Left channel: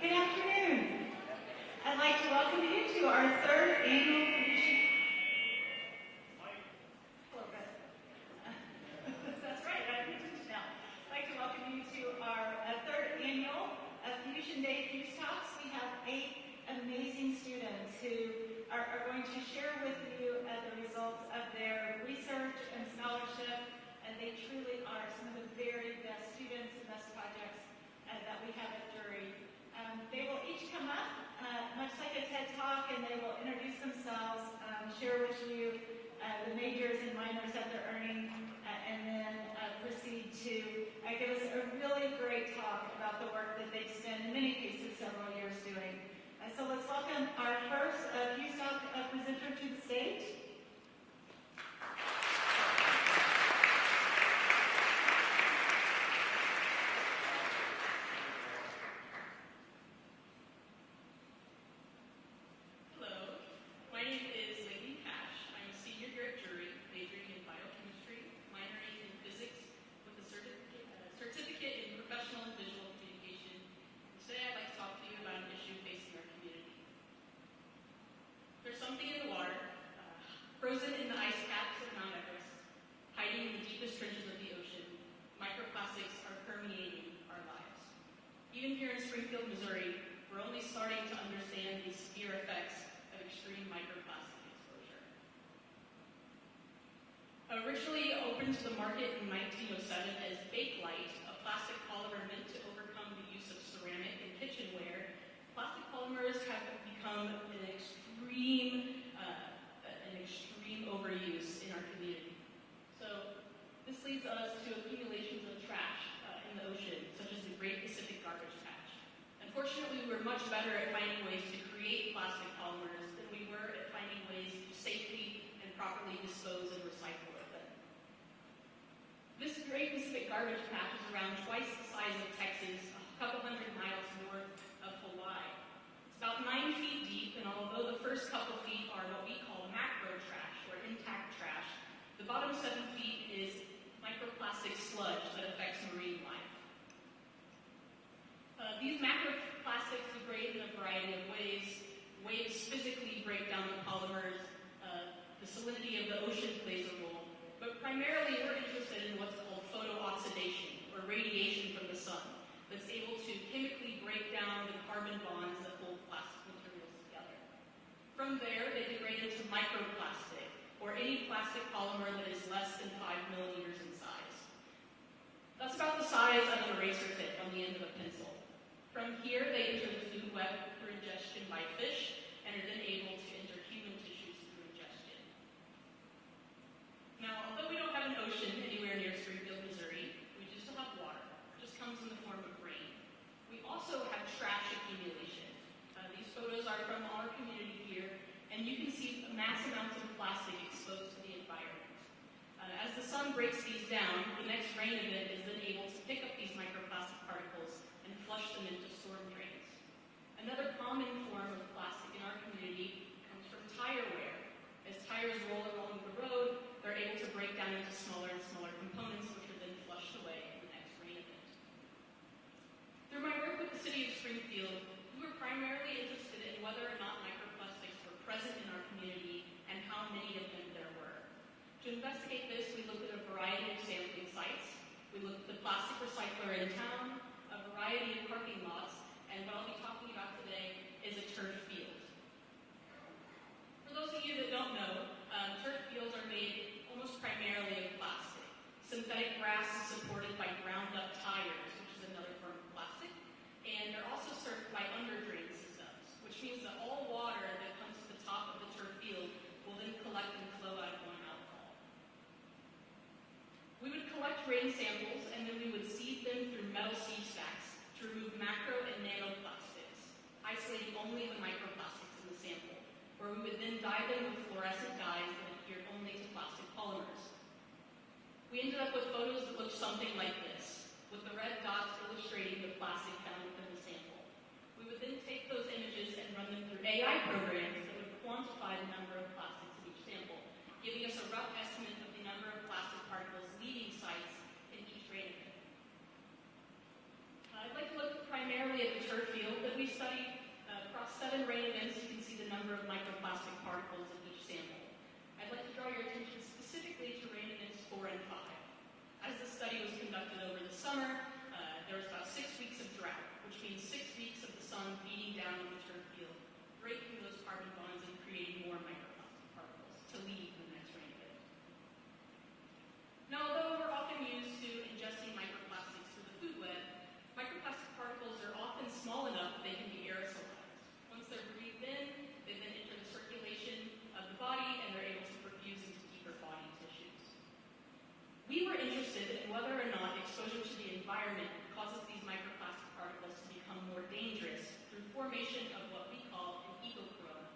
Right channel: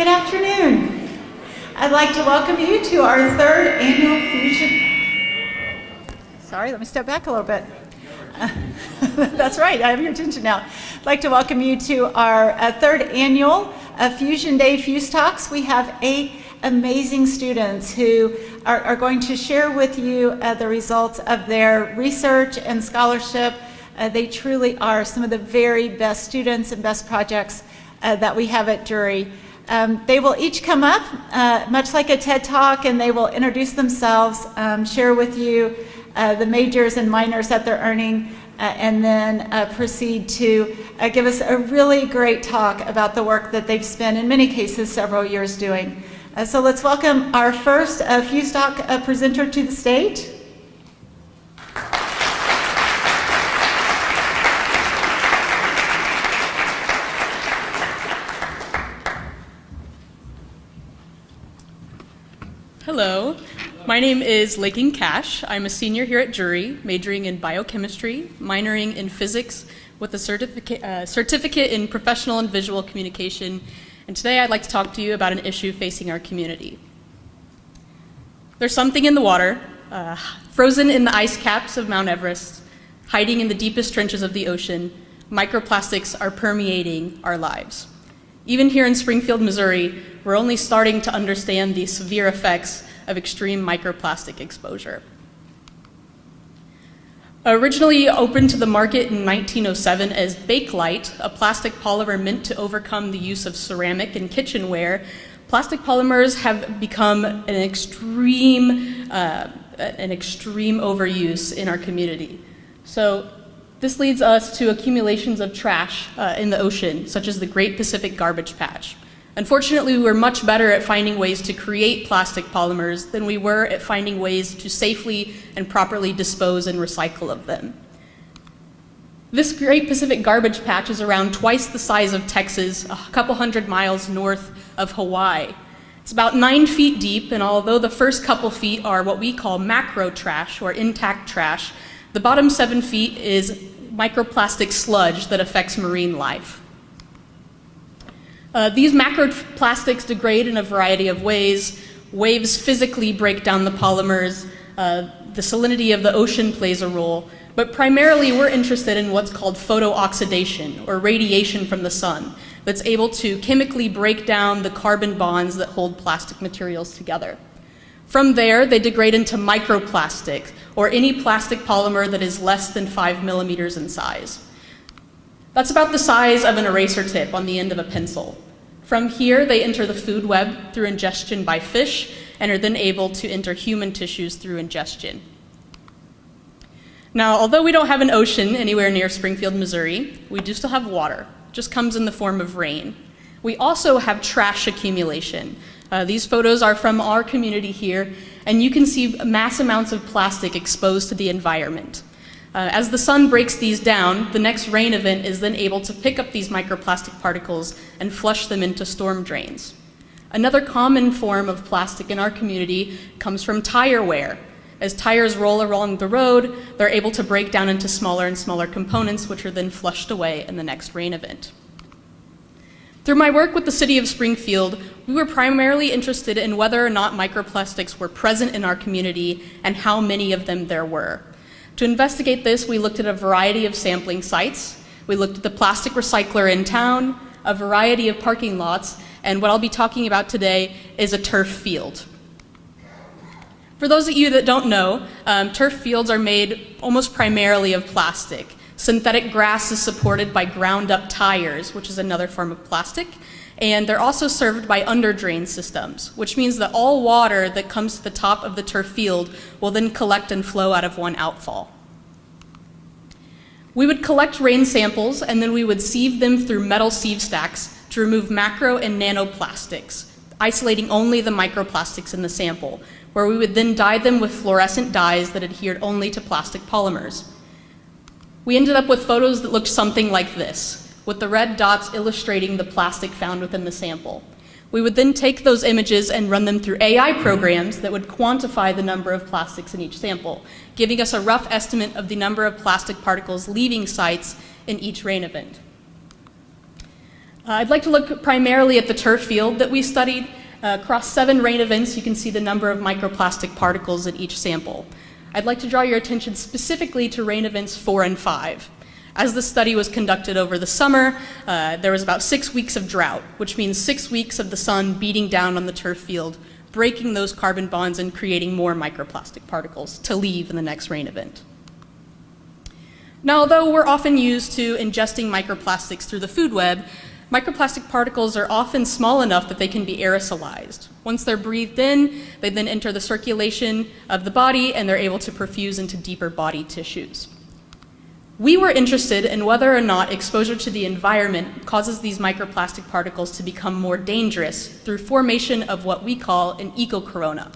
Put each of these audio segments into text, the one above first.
Good afternoon. I'd like to welcome you to our third annual Fusion. Sorry, let me step back a little bit. That's right, I have your attention now. I'd like to welcome you to our third annual Fusion Day Fuse Talks. We have 8 amazing students who are going to share with you the results of their research and scholarship. They truly are some of the very best students and best projects that we have at Jury. They will each come up, much like a TED Talk, and they will introduce themselves, share with you the majors and minors that they're earning, and then proceed to give us a really great talk about the work that they've spent, in many cases, several years doing. So let's welcome our first Fuse Talk presenter to the stage. Hello, my name is Laiken Cash. I'm a senior here at Jury, majoring in biochemistry, minoring in physics with a certificate in professional and visual communication. And today I'd like to talk to you about an issue facing our community. There's something in the water, frozen in the ice caps of Mount Everest, hiding in the deepest trenches of the ocean. Microplastics are permeating our lives. Even here in Springfield, Missouri, we're only starting to understand the severe effects of extreme microplastic exposure. Originally opened to the market in 1907 as Bakelite, a plastic polymer meant to overcome the use of ceramic in kitchenware, plastic polymers have become an extreme overuse in our community. So this leads us to accumulations of trash in the ocean, such as the Great Pacific Garbage Patch. Unfortunately, we were much better at finding ways to create plastic polymers than we were at finding ways to safely and properly dispose and recycle of them. This Great Pacific Garbage Patch is around twice the size of Texas, a couple hundred miles north of Hawaii. It's about 9 feet deep, and although the first couple feet are what we call macro trash or intact trash, the bottom 7 feet is microplastic sludge that affects marine life. These macroplastics degrade in a variety of ways. Waves physically break down the polymers. The salinity of the ocean plays a role. But primarily, we're interested in what's called photooxidation, or radiation from the sun, that's able to chemically break down the carbon bonds that hold plastic materials together. From there, they degrade into microplastic, or any plastic polymer that is less than 5 millimeters in size. That's about the size of an eraser tip on the end of a pencil. From here, they enter the food web through ingestion by fish and are then able to enter human tissues through ingestion. Now, although we don't have an ocean anywhere near Springfield, Missouri, we do still have water. It just comes in the form of rain. We also have trash accumulation. These photos are from our community here, and you can see mass amounts of plastic exposed to the environment. As the sun breaks these down, the next rain event is then able to pick up these microplastic particles and flush them into storm drains. Another common form of plastic in our community comes from tire wear. As tires roll along the road, they're able to break down into smaller and smaller components, which are then flushed away in the next rain event. Through my work with the City of Springfield, we were primarily interested in whether or not microplastics were present in our community and how many of them there were. To investigate this, we looked at a variety of sampling sites. We looked at the plastic recycler in town, a variety of parking lots, and what I'll be talking about today is a turf field. For those of you that don't know, turf fields are made almost primarily of plastic. Synthetic grass is supported by ground-up tires, which is another form of plastic, and they're also served by under-drain systems, which means that all water that comes to the top of the turf field will then collect and flow out of one outfall. We would collect rain samples, and then we would sieve them through metal sieve stacks to remove macro and nanoplastics, isolating only the microplastics in the sample, where we would then dye them with fluorescent dyes that adhered only to plastic polymers. We ended up with photos that looked something like this, with the red dots illustrating the plastic found within the sample. We would then take those images and run them through AI programs that would quantify the number of plastics in each sample, giving us a rough estimate of the number of plastic particles leaving sites in each rain event. I'd like to look primarily at the turf field that we studied. Across 7 rain events, you can see the number of microplastic particles in each sample. I'd like to draw your attention specifically to rain events 4 and 5. As the study was conducted over the summer, there was about 6 weeks of drought, which means 6 weeks of the sun beating down on the turf field, breaking those carbon bonds and creating more microplastic particles to leave in the next rain event. Now, although we're often used to ingesting microplastics through the food web, microplastic particles are often small enough that they can be aerosolized. Once they're breathed in, they then enter the circulation of the body and they're able to perfuse into deeper body tissues. We were interested in whether or not exposure to the environment causes these microplastic particles to become more dangerous through formation of what we call an eco-corona.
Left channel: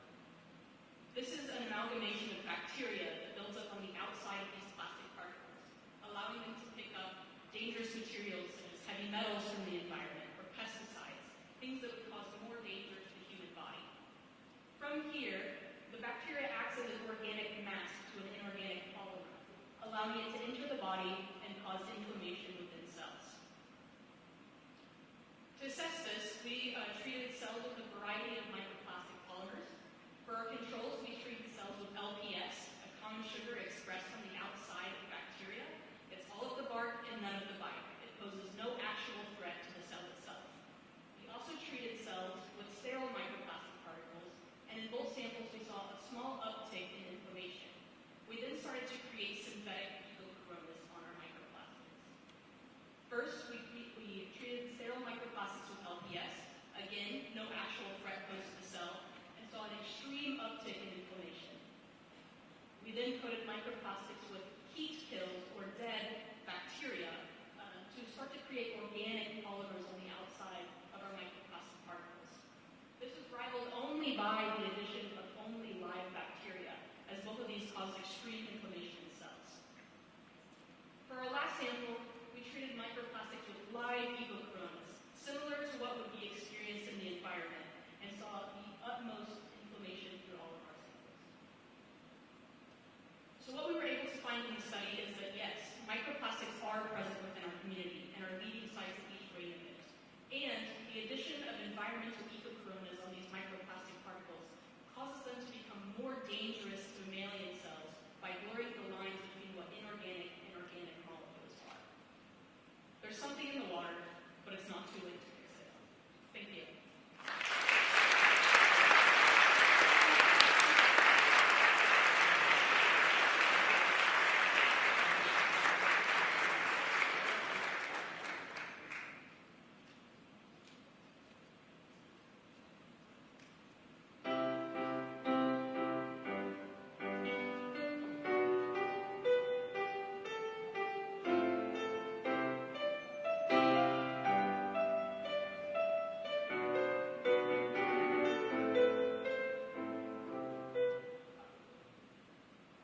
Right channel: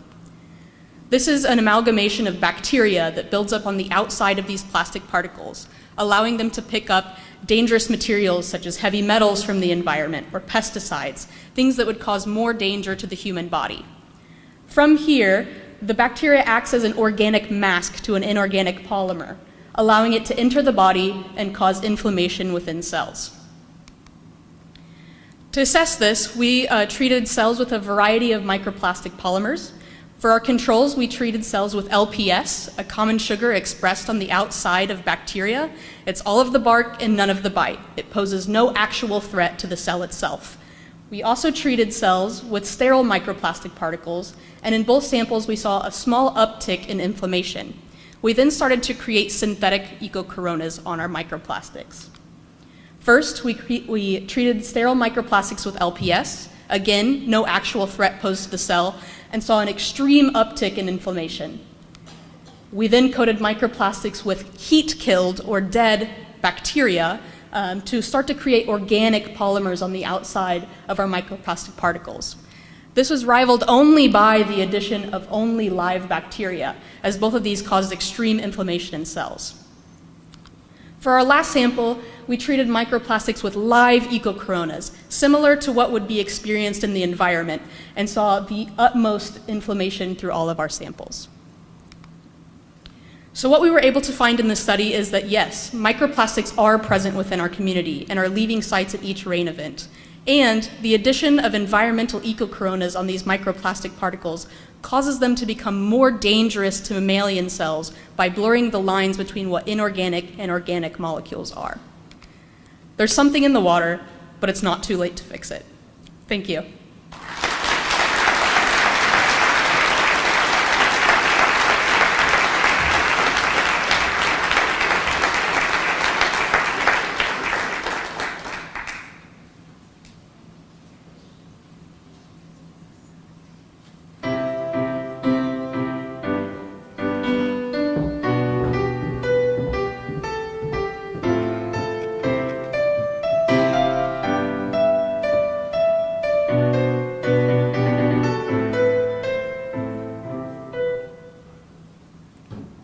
This is an amalgamation of bacteria that builds up on the outside of these plastic particles, allowing them to pick up dangerous materials such as heavy metals from the environment or pesticides, things that would cause more danger to the human body. From here, the bacteria acts as an organic mask to an inorganic polymer, allowing it to enter the body and cause inflammation within cells. To assess this, we treated cells with a variety of microplastic polymers. For our controls, we treated cells with LPS, a common sugar expressed on the outside of bacteria. It's all of the bark and none of the bite. It poses no actual threat to the cell itself. We also treated cells with sterile microplastic particles, and in both samples we saw a small uptick in inflammation. We then started to create synthetic eco-coronas on our microplastics. First, we treated sterile microplastics with LPS. Again, no actual threat posed to the cell, and saw an extreme uptick in inflammation. We then coated microplastics with heat-killed or dead bacteria to start to create organic polymers on the outside of our microplastic particles. This was rivaled only by the addition of only live bacteria, as both of these caused extreme inflammation in cells. For our last sample, we treated microplastics with live eco-coronas, similar to what would be experienced in the environment, and saw the utmost inflammation through all of our samples. So what we were able to find in this study is that yes, microplastics are present within our community and are leaving sites at each rain event. And the addition of environmental eco-coronas on these microplastic particles causes them to become more dangerous to mammalian cells by blurring the lines between what inorganic and organic molecules are. There's something in the water, but it's not too late to fix it. Thank you.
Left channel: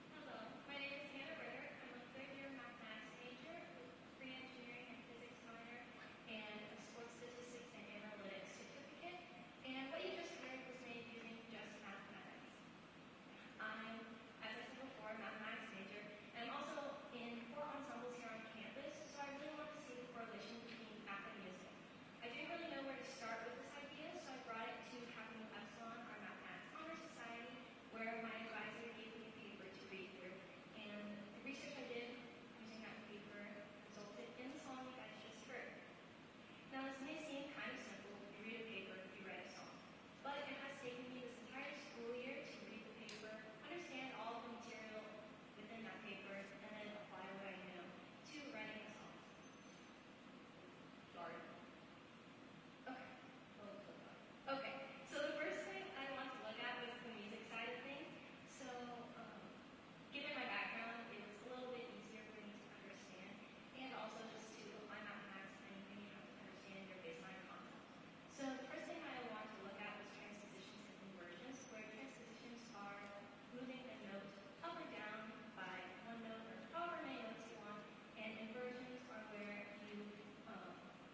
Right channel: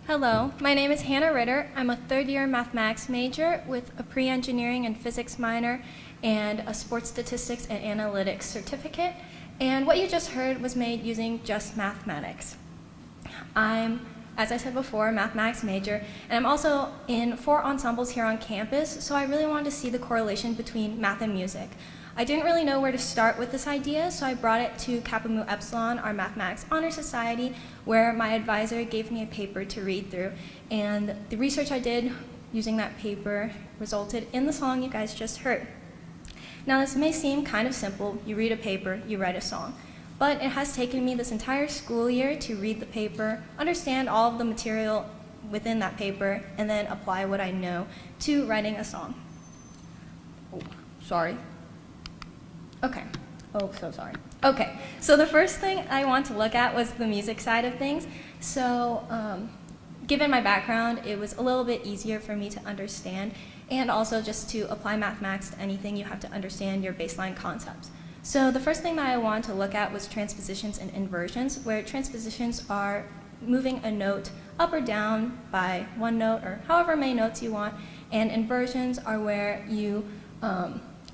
Hello, my name is Hannah Ritter. I'm a third-year mathematics major with a pre-engineering and physics minor and a sports statistics and analytics certificate. And what you just heard was made using just mathematics. I'm, as I said before, a mathematics major, and I'm also in 4 ensembles here on campus, so I really wanted to see the correlation between math and music. I didn't really know where to start with this idea, so I brought it to Kappa Mu Epsilon, our Mathematics Honor Society, where my advisor gave me a paper to read through. And the research I did using that paper resulted in the song you guys just heard. Now, this may seem kind of simple. You read a paper, you write a song. But it has taken me this entire school year to read the paper, understand all of the material within that paper, and then apply what I know to writing a song. Oh, sorry. Okay. Oh, so sorry. Okay, so the first thing I want to look at was the music side of things. So given my background, it was a little bit easier for me to understand, and also just to apply mathematics to anything, you have to understand your baseline concepts. So the first thing that I wanted to look at was transpositions and inversions, where transpositions are moving a note up or down by one note or however many notes you want, and inversions are where you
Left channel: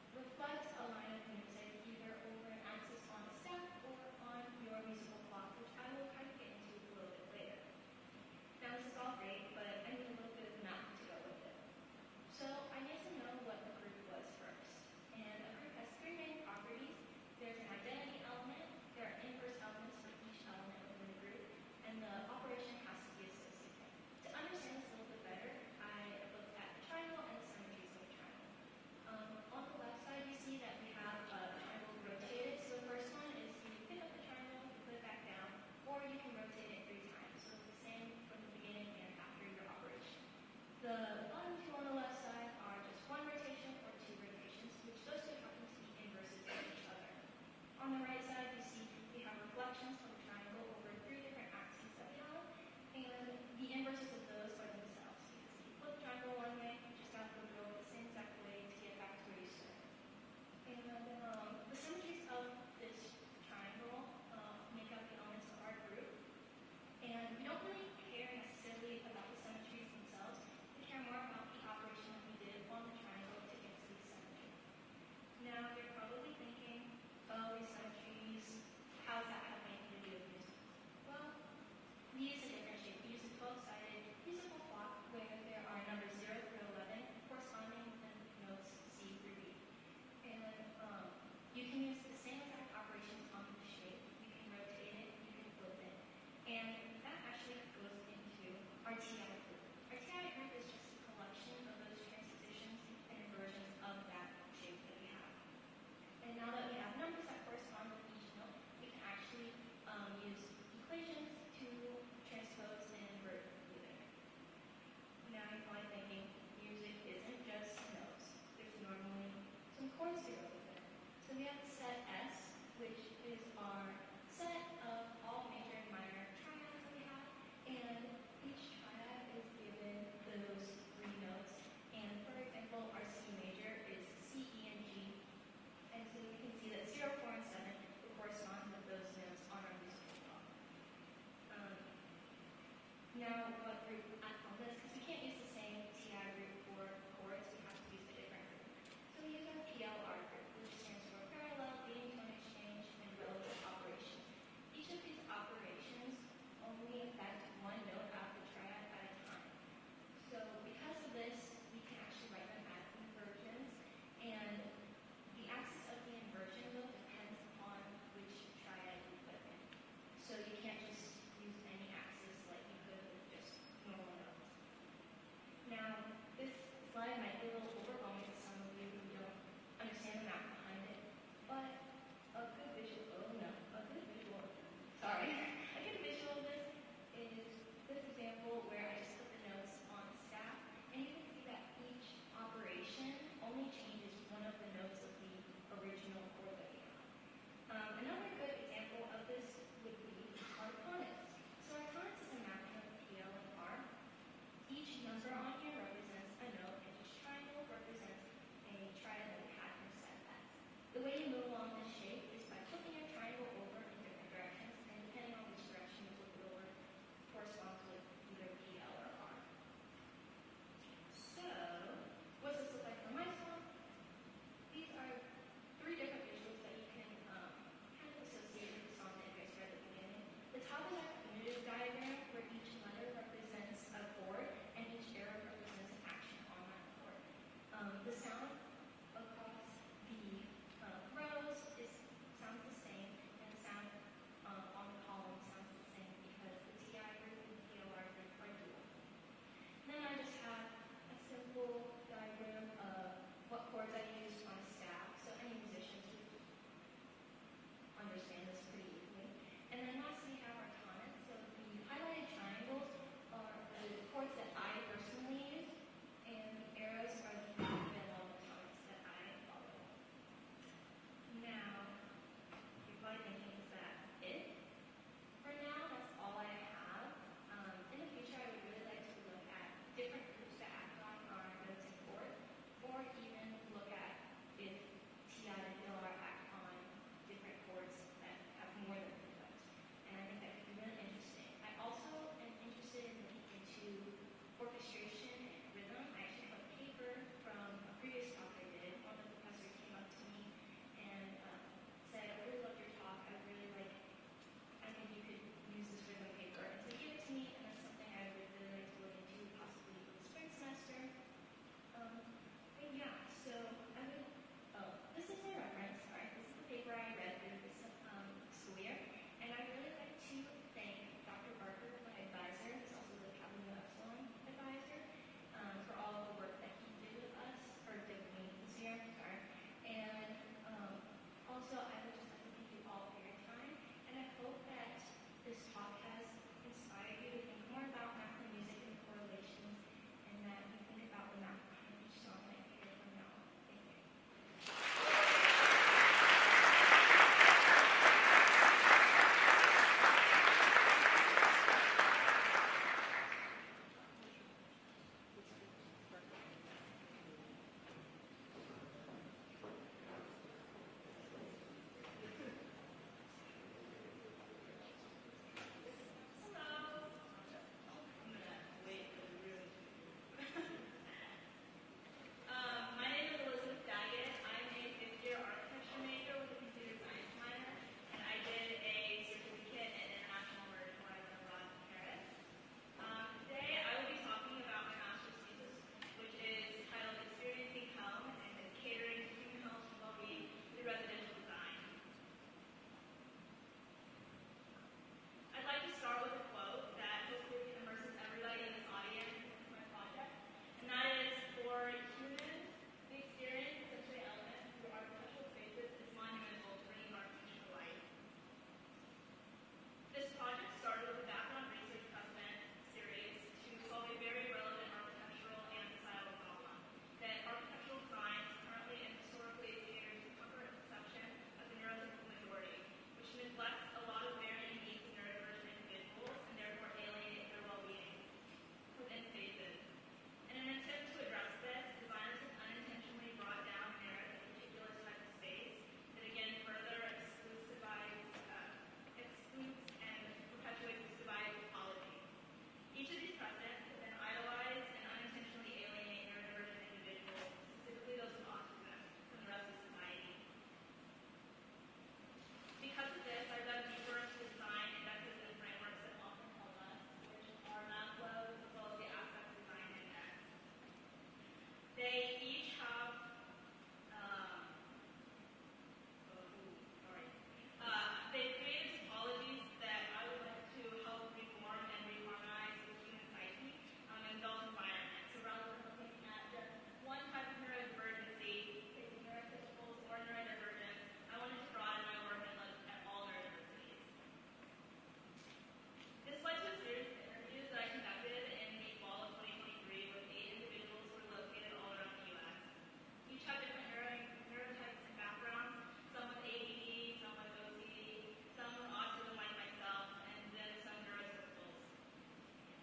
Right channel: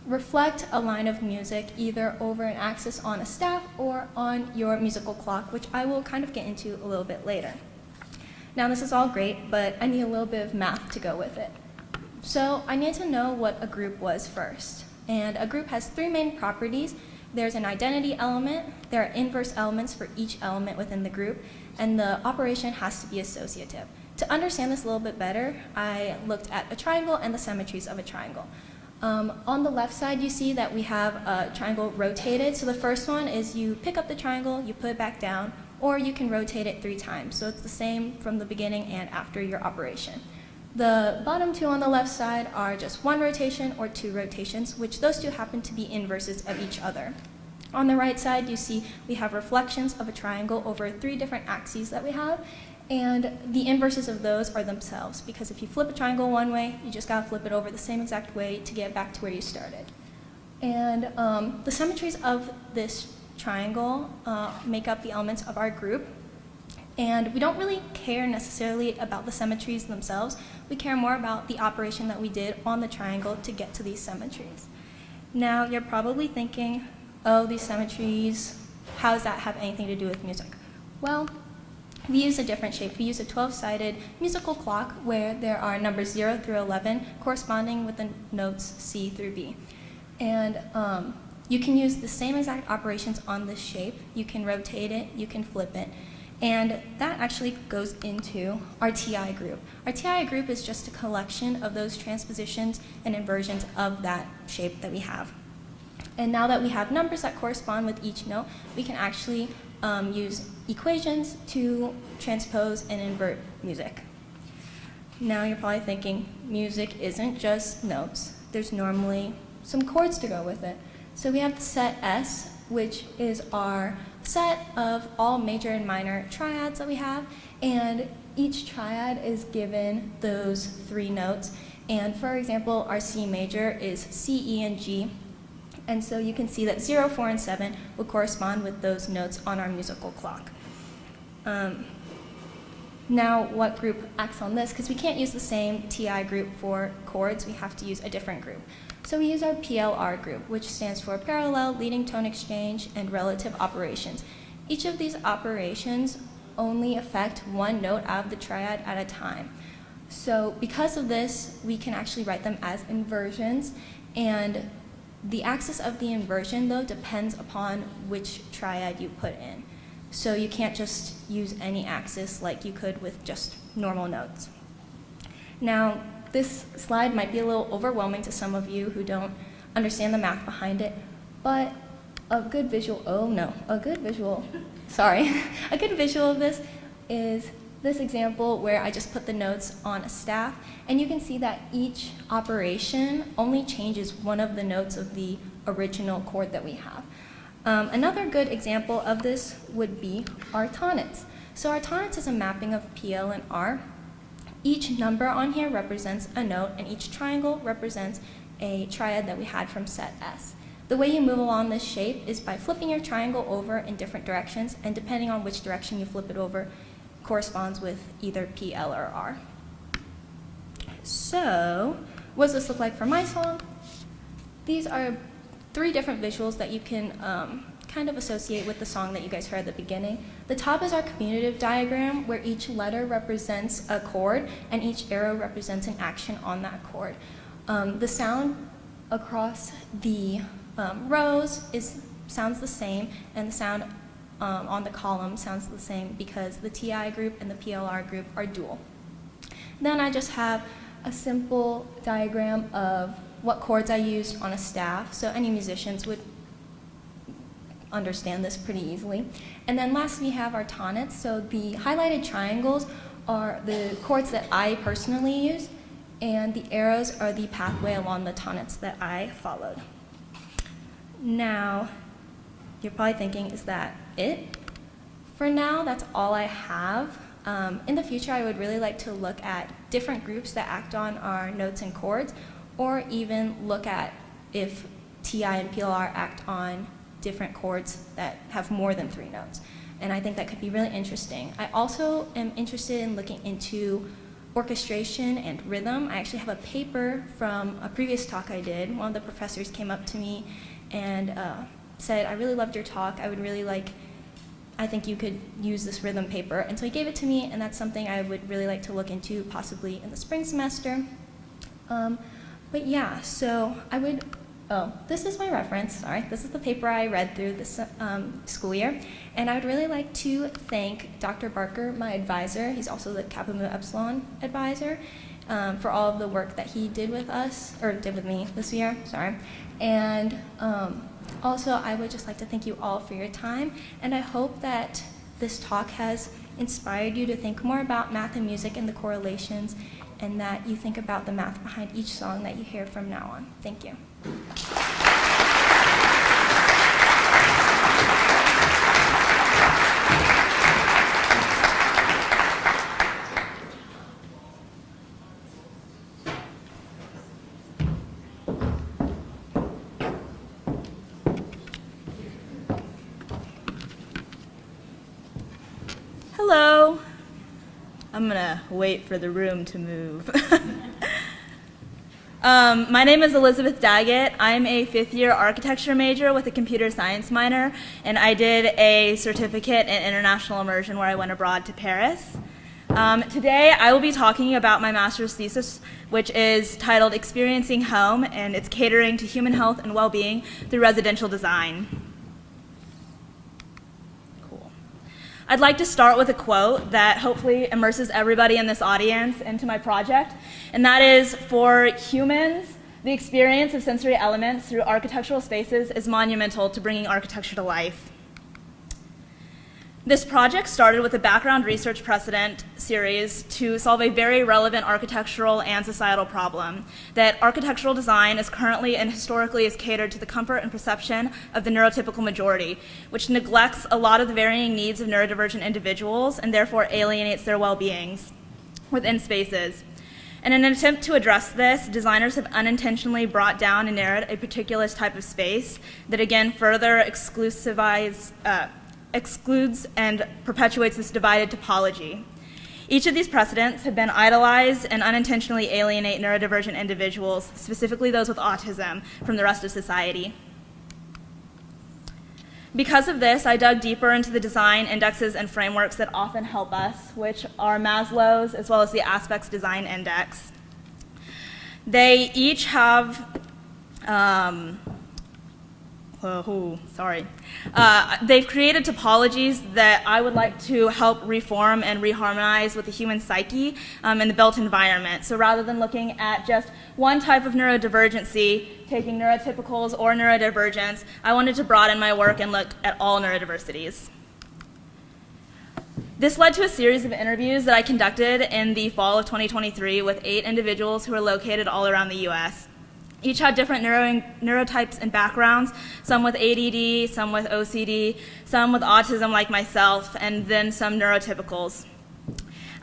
reflect a line of music either over an axis on a staff or on your musical clock, which I will kind of get into a little bit later. Now, this is all great, but I need a little bit of math to go with it. So I need to know what a group was first. And a group has three main properties. There's an identity element, there are inverse elements for each element within the group, and the operation has to be associative. To understand this a little bit better, I looked at a triangle and the symmetries of a triangle. On the left side, you see that we have a triangle rotated. So the first one is you pick up the triangle, you put it back down, or you can rotate it 3 times. So it's the same from the beginning and after your operation. The bottom two on the left side are just 1 rotation or 2 rotations, which those two happen to be inverses of each other. On the right side, you see we have reflections of a triangle over 3 different axes that we have, and the inverses of those are themselves, because if you flip a triangle one way, you just gotta flip it over the same exact way to get back to where you started. And the symmetries of this triangle make up the elements of our group. And we don't really care necessarily about the symmetries themselves. We care more about the operation that we did on the triangle to get to these symmetries. Now, you're probably thinking, oh, these symmetries, how does that have anything to do with music? Well, we use a different shape. We use a 12-sided musical clock where there are numbers 0 through 11 corresponding with the notes C through B. And you can use the same exact operations on this shape. You can rotate it, you can flip it. And that actually goes into our TI group. Our TI group is just a collection of those transpositions and inversions of that shape that we have. And now that we have numbers that correspond with each note, we can actually use equations to transpose and invert music. Now you're probably thinking, music isn't just notes. There's normally some chords to go with it. So we have the set S, which is our set of all major and minor triads that we have, and each triad is given those 3 notes. And for example, our C major is C, E, and G. And so you can see that 0, 4, and 7 will correspond with those notes on our musical clock. Now, what group acts on this? Because we can't use the same TI group for chords, we have to use a different group. So we use our PLR group, which stands for Parallel Leading Tone Exchange and Relative Operations. Each of these operations only affect 1 note out of the triad at a time. So because of this, we can actually write them as inversions, and the axis of the inversion, though, depends upon which triad you put in. So you can't just use any axis like you could with just normal notes. Now, this slide might be a little overwhelming to some of you who don't understand the math behind it, but a good visual of this is this example where I just put the notes on a staff, and you can see that each operation only changes one of the notes of the original chord that we have. Another good example of this would be our tonics. So our tonics is a mapping of PL and R. Each number on here represents a note, and each triangle represents a triad that we had from set S. The way you move along this shape is by flipping your triangle over in different directions, and depending on which direction you flip it over, corresponds with either PL or R. So, what does this look like for my song? These are 3 different visuals that you can kind of associate with the song that you guys heard at the beginning. The top is our commutative diagram, where each letter represents a chord, and each arrow represents an action on that chord. The sound across the rows sounds the same, and the sound on the column sounds the same because the TI group and the PLR group are dual. Then I just have a simple diagram of what chords I used on a staff, so any musicians would understand this pretty easily. And then last we have our tonics, so the highlighted triangles are the chords that I personally use, and the arrows are the pathway along the tonics that I followed. Now, you're probably thinking, is that it? For now, that's all I have. In the future, I would really like to look at different groups that act on our notes and chords, or even look at if TI and PLR act on different chords that have more than 3 notes. And I think that could be really interesting. I also am interested in looking into orchestration and rhythm. I actually have a paper from a previous talk I did. One of the professors came up to me and said, I really loved your talk. I think you could use this rhythm paper. And so he gave it to me, and that's something I would really like to look into possibly in the spring semester. But yeah, so I would Oh, this is my reference, sorry. This is the paper I read through this school year. And I would really like to thank Dr. Barker, my advisor. He's also the Kappa Mu Epsilon advisor, for all of the work that he did with us, or did with me this year, sorry. And also, I would just like to thank you all for your time, and I hope that this talk has inspired you to think more about math and music and the correlations, and that you think about the math behind each song that you hear from now on. Thank you. Hello. I'm gonna wait for the room to move. My name is Elizabeth Daggett. I'm a fifth-year architecture major with a computer science minor, and I did a certificate in international immersion where I went abroad to Paris. Today, I will be talking about my master's thesis, which is titled Experiencing Home, and it's catering to human health and well-being through residential design. I'd like to start with a quote that hopefully immerses everybody in this audience into my project, and that is, for humans, the experience of sensory elements through architectural spaces is monumental to bringing architecture to life. This project started with a background research precedent series to solve a very relevant architectural and societal problem, that architectural design is currently and historically is catered to the comfort and perception of the neurotypical majority, which neglects a lot of the varying needs of neurodivergent individuals and therefore alienates their well-beings within spaces. In an attempt to address this, designers have unintentionally brought down and narrowed a particular type of space that again further excludes and perpetuates this divided topology. Each of these precedents have been idolized and unintentionally alienate neurodivergent individuals, specifically those with autism, from the rest of society. Because of this, I dug deeper into the design indexes and frameworks that often help us, which are Maslow's as well as the Aspects Design Index. They each have they've created topologies that I would like to help reform and reharmonize with the human psyche and the built environment. So rather than looking at just one type of neurodivergency, taking neurotypicals or neurodivergence, I wanted to broaden my work and look at all neurodiversities. This led to a series of interviews that I conducted in the fall of 2023 with 8 individuals who are located all around the US. Each had different neurotypes and backgrounds, some with ADD, some with OCD, some with autism like myself, and then some neurotypicals.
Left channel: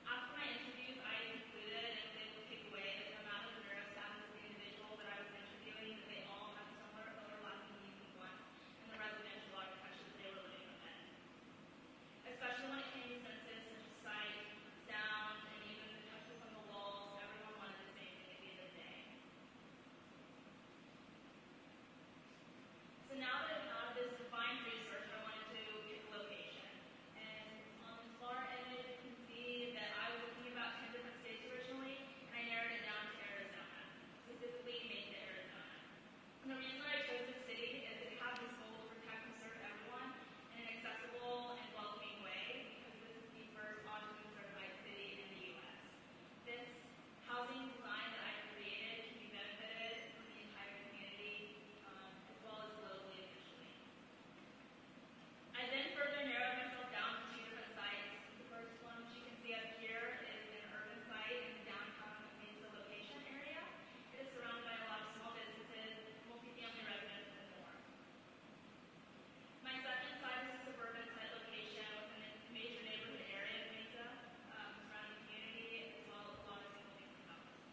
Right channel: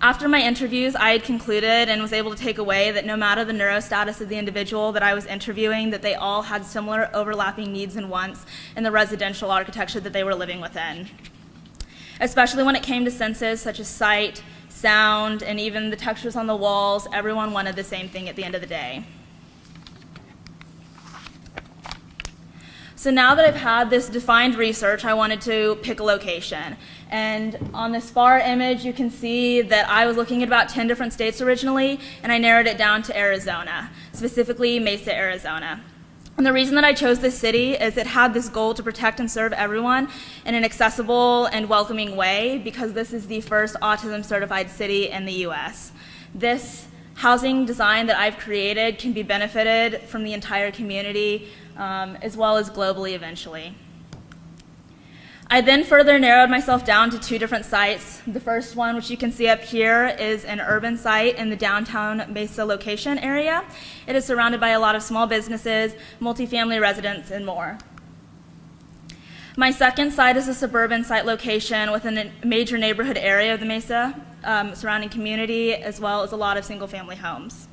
After my interviews, I had concluded and was able to take away that no matter the neurostatus of the individual that I was interviewing, that they all had similar overlapping needs and wants in the residential architecture that they were living within. Especially when it came to senses such as sight, sound, and even the textures on the walls, everyone wanted the same thing at the end of the day. So now that I've had this defined research, I wanted to pick a location. And on this far image, you can see that I was looking at about 10 different states originally, and I narrowed it down to Arizona, specifically Mesa, Arizona. And the reason that I chose this city is it had this goal to protect and serve everyone in an accessible and welcoming way, because this is the first autism-certified city in the US. This housing design that I've created can be benefited from the entire community, as well as globally eventually. I then further narrowed myself down to 2 different sites. The first one, which you can see up here, is an urban site in the downtown Mesa location area. It is surrounded by a lot of small businesses, multifamily residents, and more. My second site is a suburban site location within a major neighborhood area of the Mesa surrounding community, as well as a lot of single-family homes.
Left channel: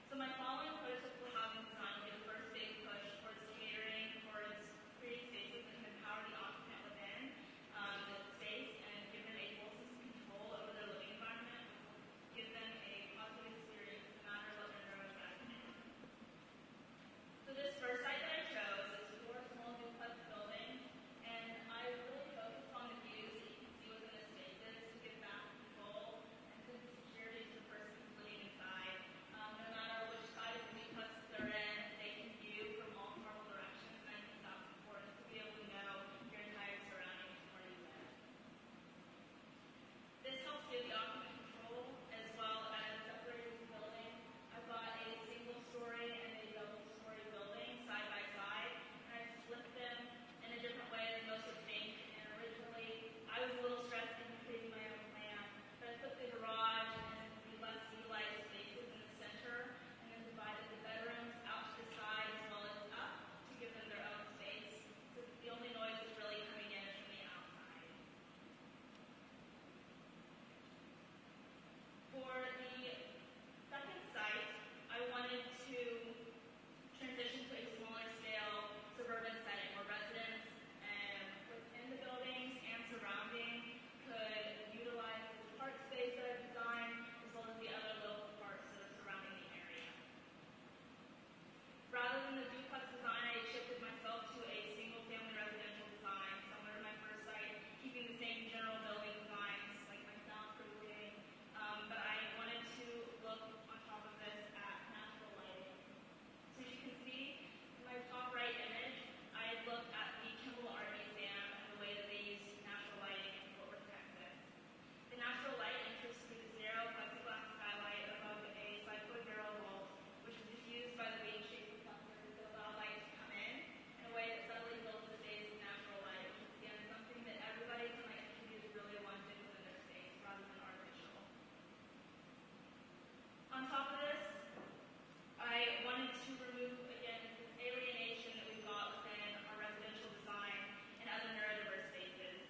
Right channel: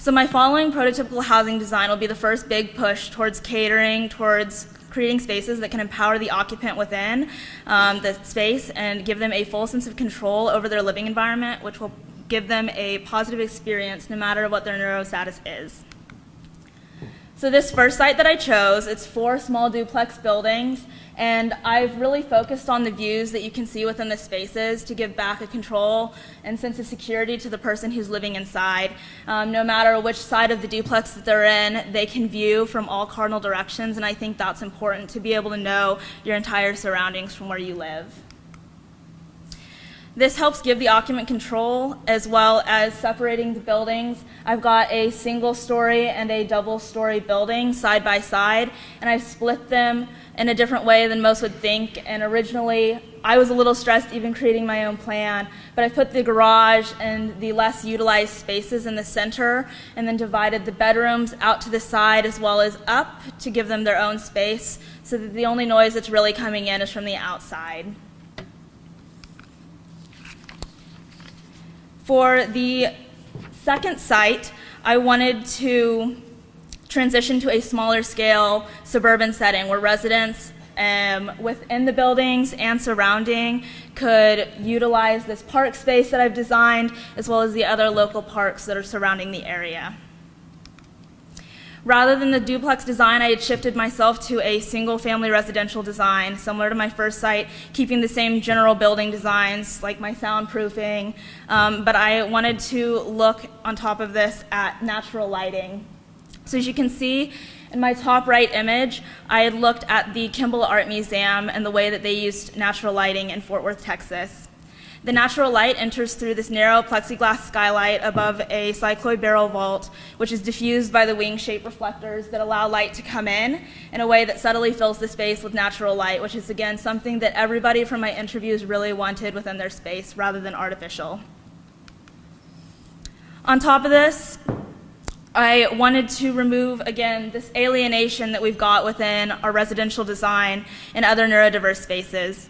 So my following prototypical housing design will be the first big push towards catering, towards creating spaces that can empower the occupant within the space and give them a full sense of control over their living environment, which will give them a positive experience no matter what their neurostatus is. So this first site that I chose, it's 4 small duplex buildings, and I've really focused on the views that you can see within the spaces to give back a control and sense of security to the person who's living inside. No matter which side of the duplex that they're in, they can view from all cardinal directions, and I think that's important to be able to know your entire surroundings from where you live. This helps give the occupant control as well as separating the buildings. I've got a single story and a double story building side by side, and I've split them in a different way than most would think. And originally, I was a little stressed even creating my own plan, but I put the garage and the less utilized spaces in the center and then divided the bedrooms out to the side as well as up to give them their own space so that the only noise that's really coming in is from the outside. For the second site, I wanted to transition to a smaller scale suburban setting where residents within the buildings and surrounding could utilize this park space that I've designed as well as the other local parks that are surrounding the area. Rather than the duplex design, I had shifted myself to a single-family residential design, similar to my first site, keeping the same general building designs, like my soundproofing, but I wanted to look on top of this at natural lighting. So as you can see in my top right image, I had looked at the Kimball Art Museum and the way that they used natural lighting in Fort Worth, Texas. The natural light enters through this narrow plexiglass skylight above a cycloid barrel vault, which is diffused by the wing-shaped reflectors that allow light to come in a way that subtly fills the space with natural light, which is, again, something that everybody from my interviews really wanted within their space rather than artificial. On top of this, I wanted to remove, again, this alienation that we've got within our residential design and other neurodiverse spaces.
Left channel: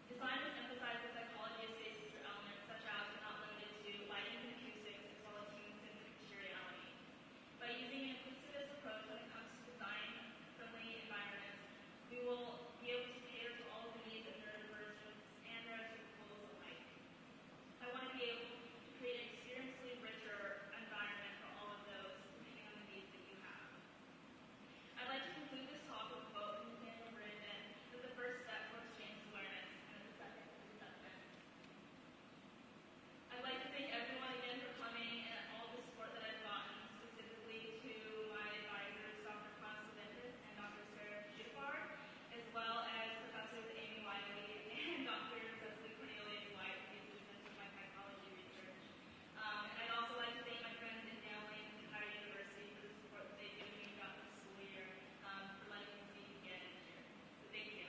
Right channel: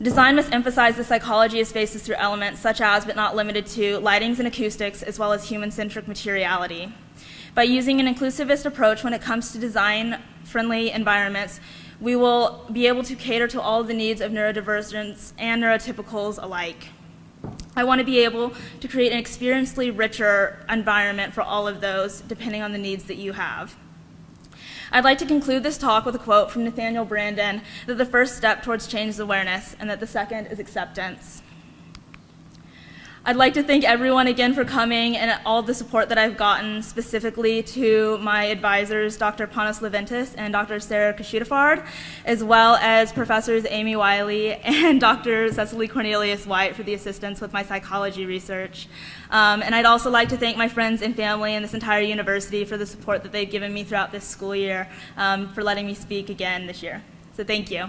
Design must emphasize the psychology of spaces through elements such as, but not limited to, lightings and acoustics, as well as human-centric materiality. By using an inclusivist approach when it comes to design-friendly environments, we will be able to cater to all of the needs of neurodivergents and neurotypicals alike. I want to be able to create an experientially richer environment for all of those, depending on the needs that you have. I'd like to conclude this talk with a quote from Nathaniel Branden that the first step towards change is awareness, and that the second is acceptance. I'd like to thank everyone again for coming and all the support that I've gotten, specifically to my advisors, Dr. Panos Leventis and Dr. Sarah Kashutafard, as well as Professors Amy Wiley and Dr. Cecily Cornelius White for the assistance with my psychology research. And I'd also like to thank my friends and family and this entire university for the support that they've given me throughout this school year, for letting me speak again this year. So thank you.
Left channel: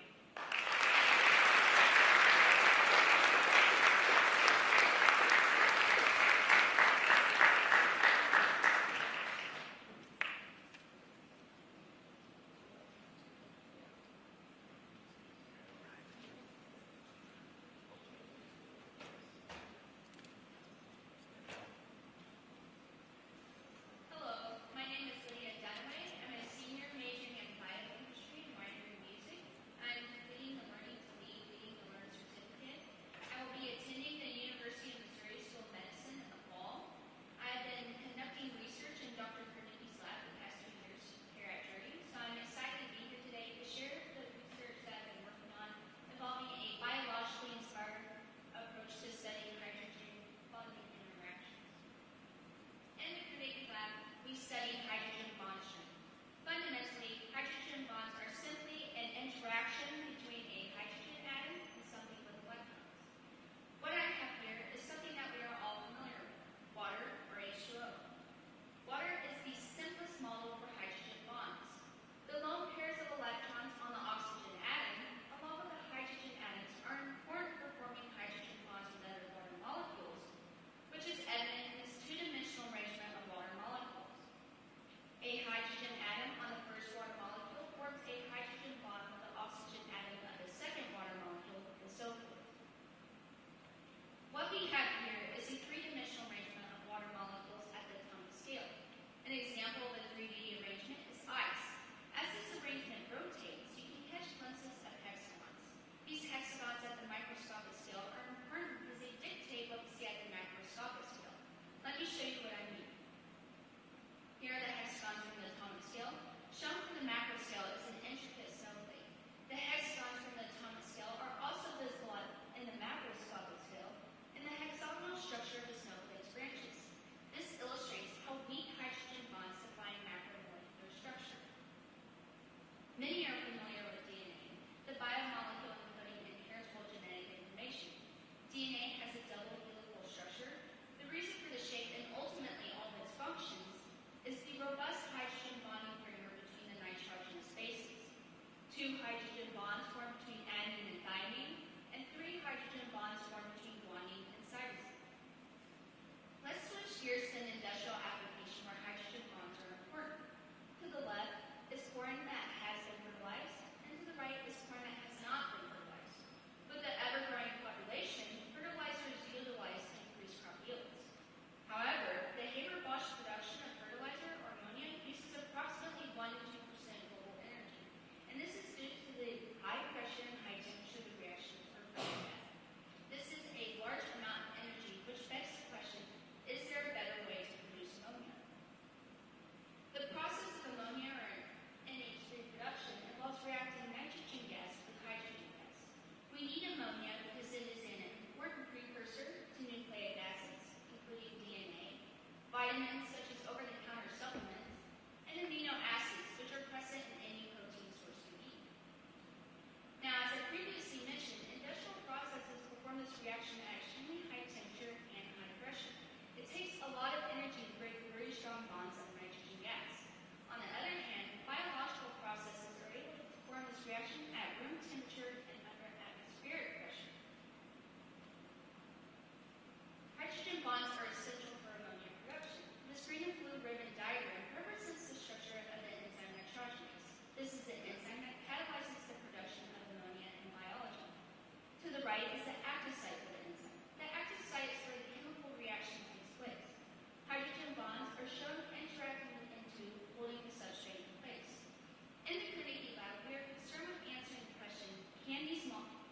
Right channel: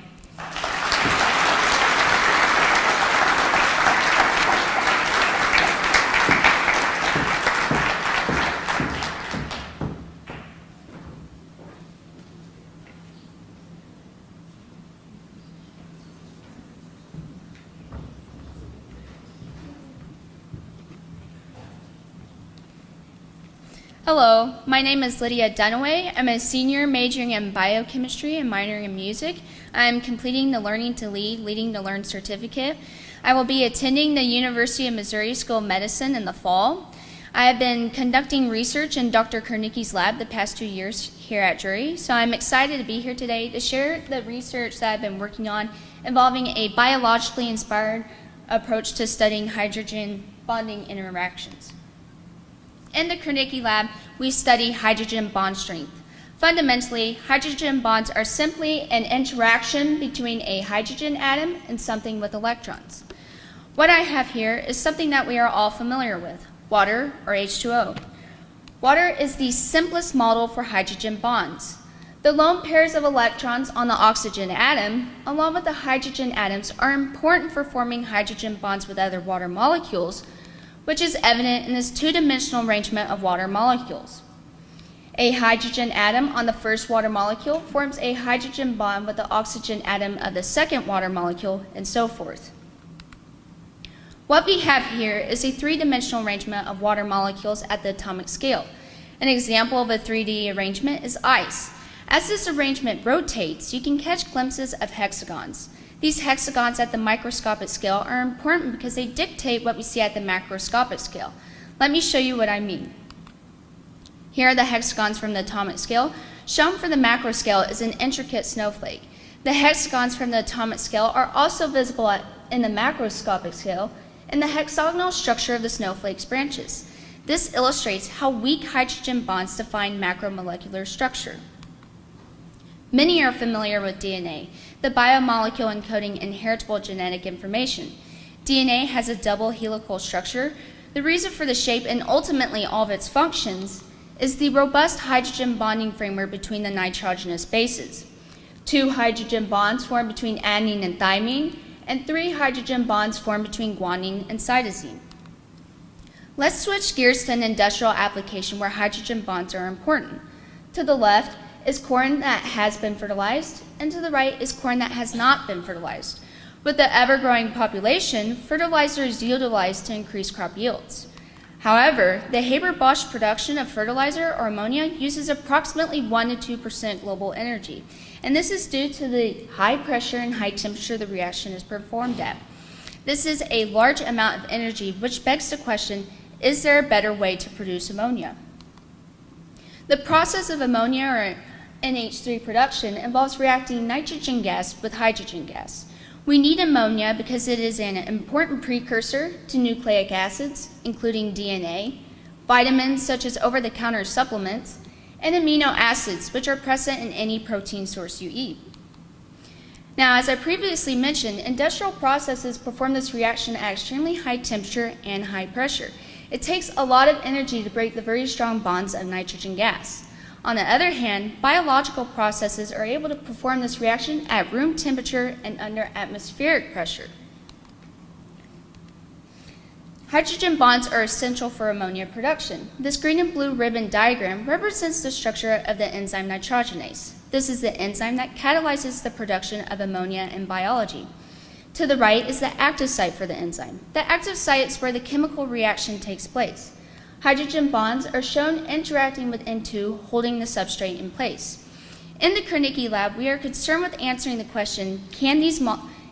Hello, my name is Lydia Dunaway. I'm a senior majoring in biochemistry and minoring in music. I'm completing the Learning to Lead, Leading to Learn certificate. I will be attending the University of Missouri School of Medicine in the fall. I have been conducting research in Dr. Kernicki's lab the past 2 years here at Drury, so I'm excited to be here today to share the research that I've been working on involving a biologically inspired approach to studying hydrogen bonding interactions. In the Kernicki lab, we study hydrogen bond strength. Fundamentally, hydrogen bonds are simply an interaction between a hydrogen atom and something with electrons. What I have here is something that we are all familiar with, water or H2O. Water is the simplest model for hydrogen bonds. The lone pairs of electrons on the oxygen atom, along with the hydrogen atoms, are important for forming hydrogen bonds with other water molecules, which is evident in this two-dimensional arrangement of water molecules. A hydrogen atom on the first water molecule forms a hydrogen bond with the oxygen atom of the second water molecule, and so forth. What we have here is a three-dimensional arrangement of water molecules at the atomic scale. An example of a 3D arrangement is ice. As this arrangement rotates, you can catch glimpses of hexagons. These hexagons at the microscopic scale are important because they dictate what we see at the macroscopic scale. Let me show you what I mean. Here are the hexagons from the atomic scale, shown for the macro scale is an intricate snowflake. The hexagons from the atomic scale are also visible in the macroscopic scale, and the hexagonal structure of the snowflake's branches. This illustrates how weak hydrogen bonds define macromolecular structure. Many are familiar with DNA, the biomolecule encoding inheritable genetic information. DNA has a double helical structure. The reason for the shape and ultimately all of its functions is the robust hydrogen bonding framework between the nitrogenous bases. 2 hydrogen bonds form between adenine and thymine, and 3 hydrogen bonds form between guanine and cytosine. Let's switch gears to an industrial application where hydrogen bonds are important. To the left is corn that has been fertilized, and to the right is corn that has not been fertilized. With the ever-growing population, fertilizer is utilized to increase crop yields. However, the Haber-Bosch production of fertilizer or ammonia uses approximately 1 to 2% global energy, and this is due to the high pressure and high temperature the reaction is performed at. This is a large amount of energy, which begs the question, is there a better way to produce ammonia? The process of ammonia or NH3 production involves reacting nitrogen gas with hydrogen gas. We need ammonia because it is an important precursor to nucleic acids, including DNA, vitamins such as over-the-counter supplements, and amino acids, which are present in any protein source you eat. Now, as I previously mentioned, industrial processes perform this reaction at extremely high temperature and high pressure. It takes a lot of energy to break the very strong bonds of nitrogen gas. On the other hand, biological processes are able to perform this reaction at room temperature and under atmospheric pressure. Hydrogen bonds are essential for ammonia production. This green and blue ribbon diagram represents the structure of the enzyme nitrogenase. This is the enzyme that catalyzes the production of ammonia in biology. To the right is the active site for the enzyme. The active site is where the chemical reaction takes place. Hydrogen bonds are shown interacting with N2, holding the substrate in place. In the Carnegie lab, we are concerned with answering the question, can these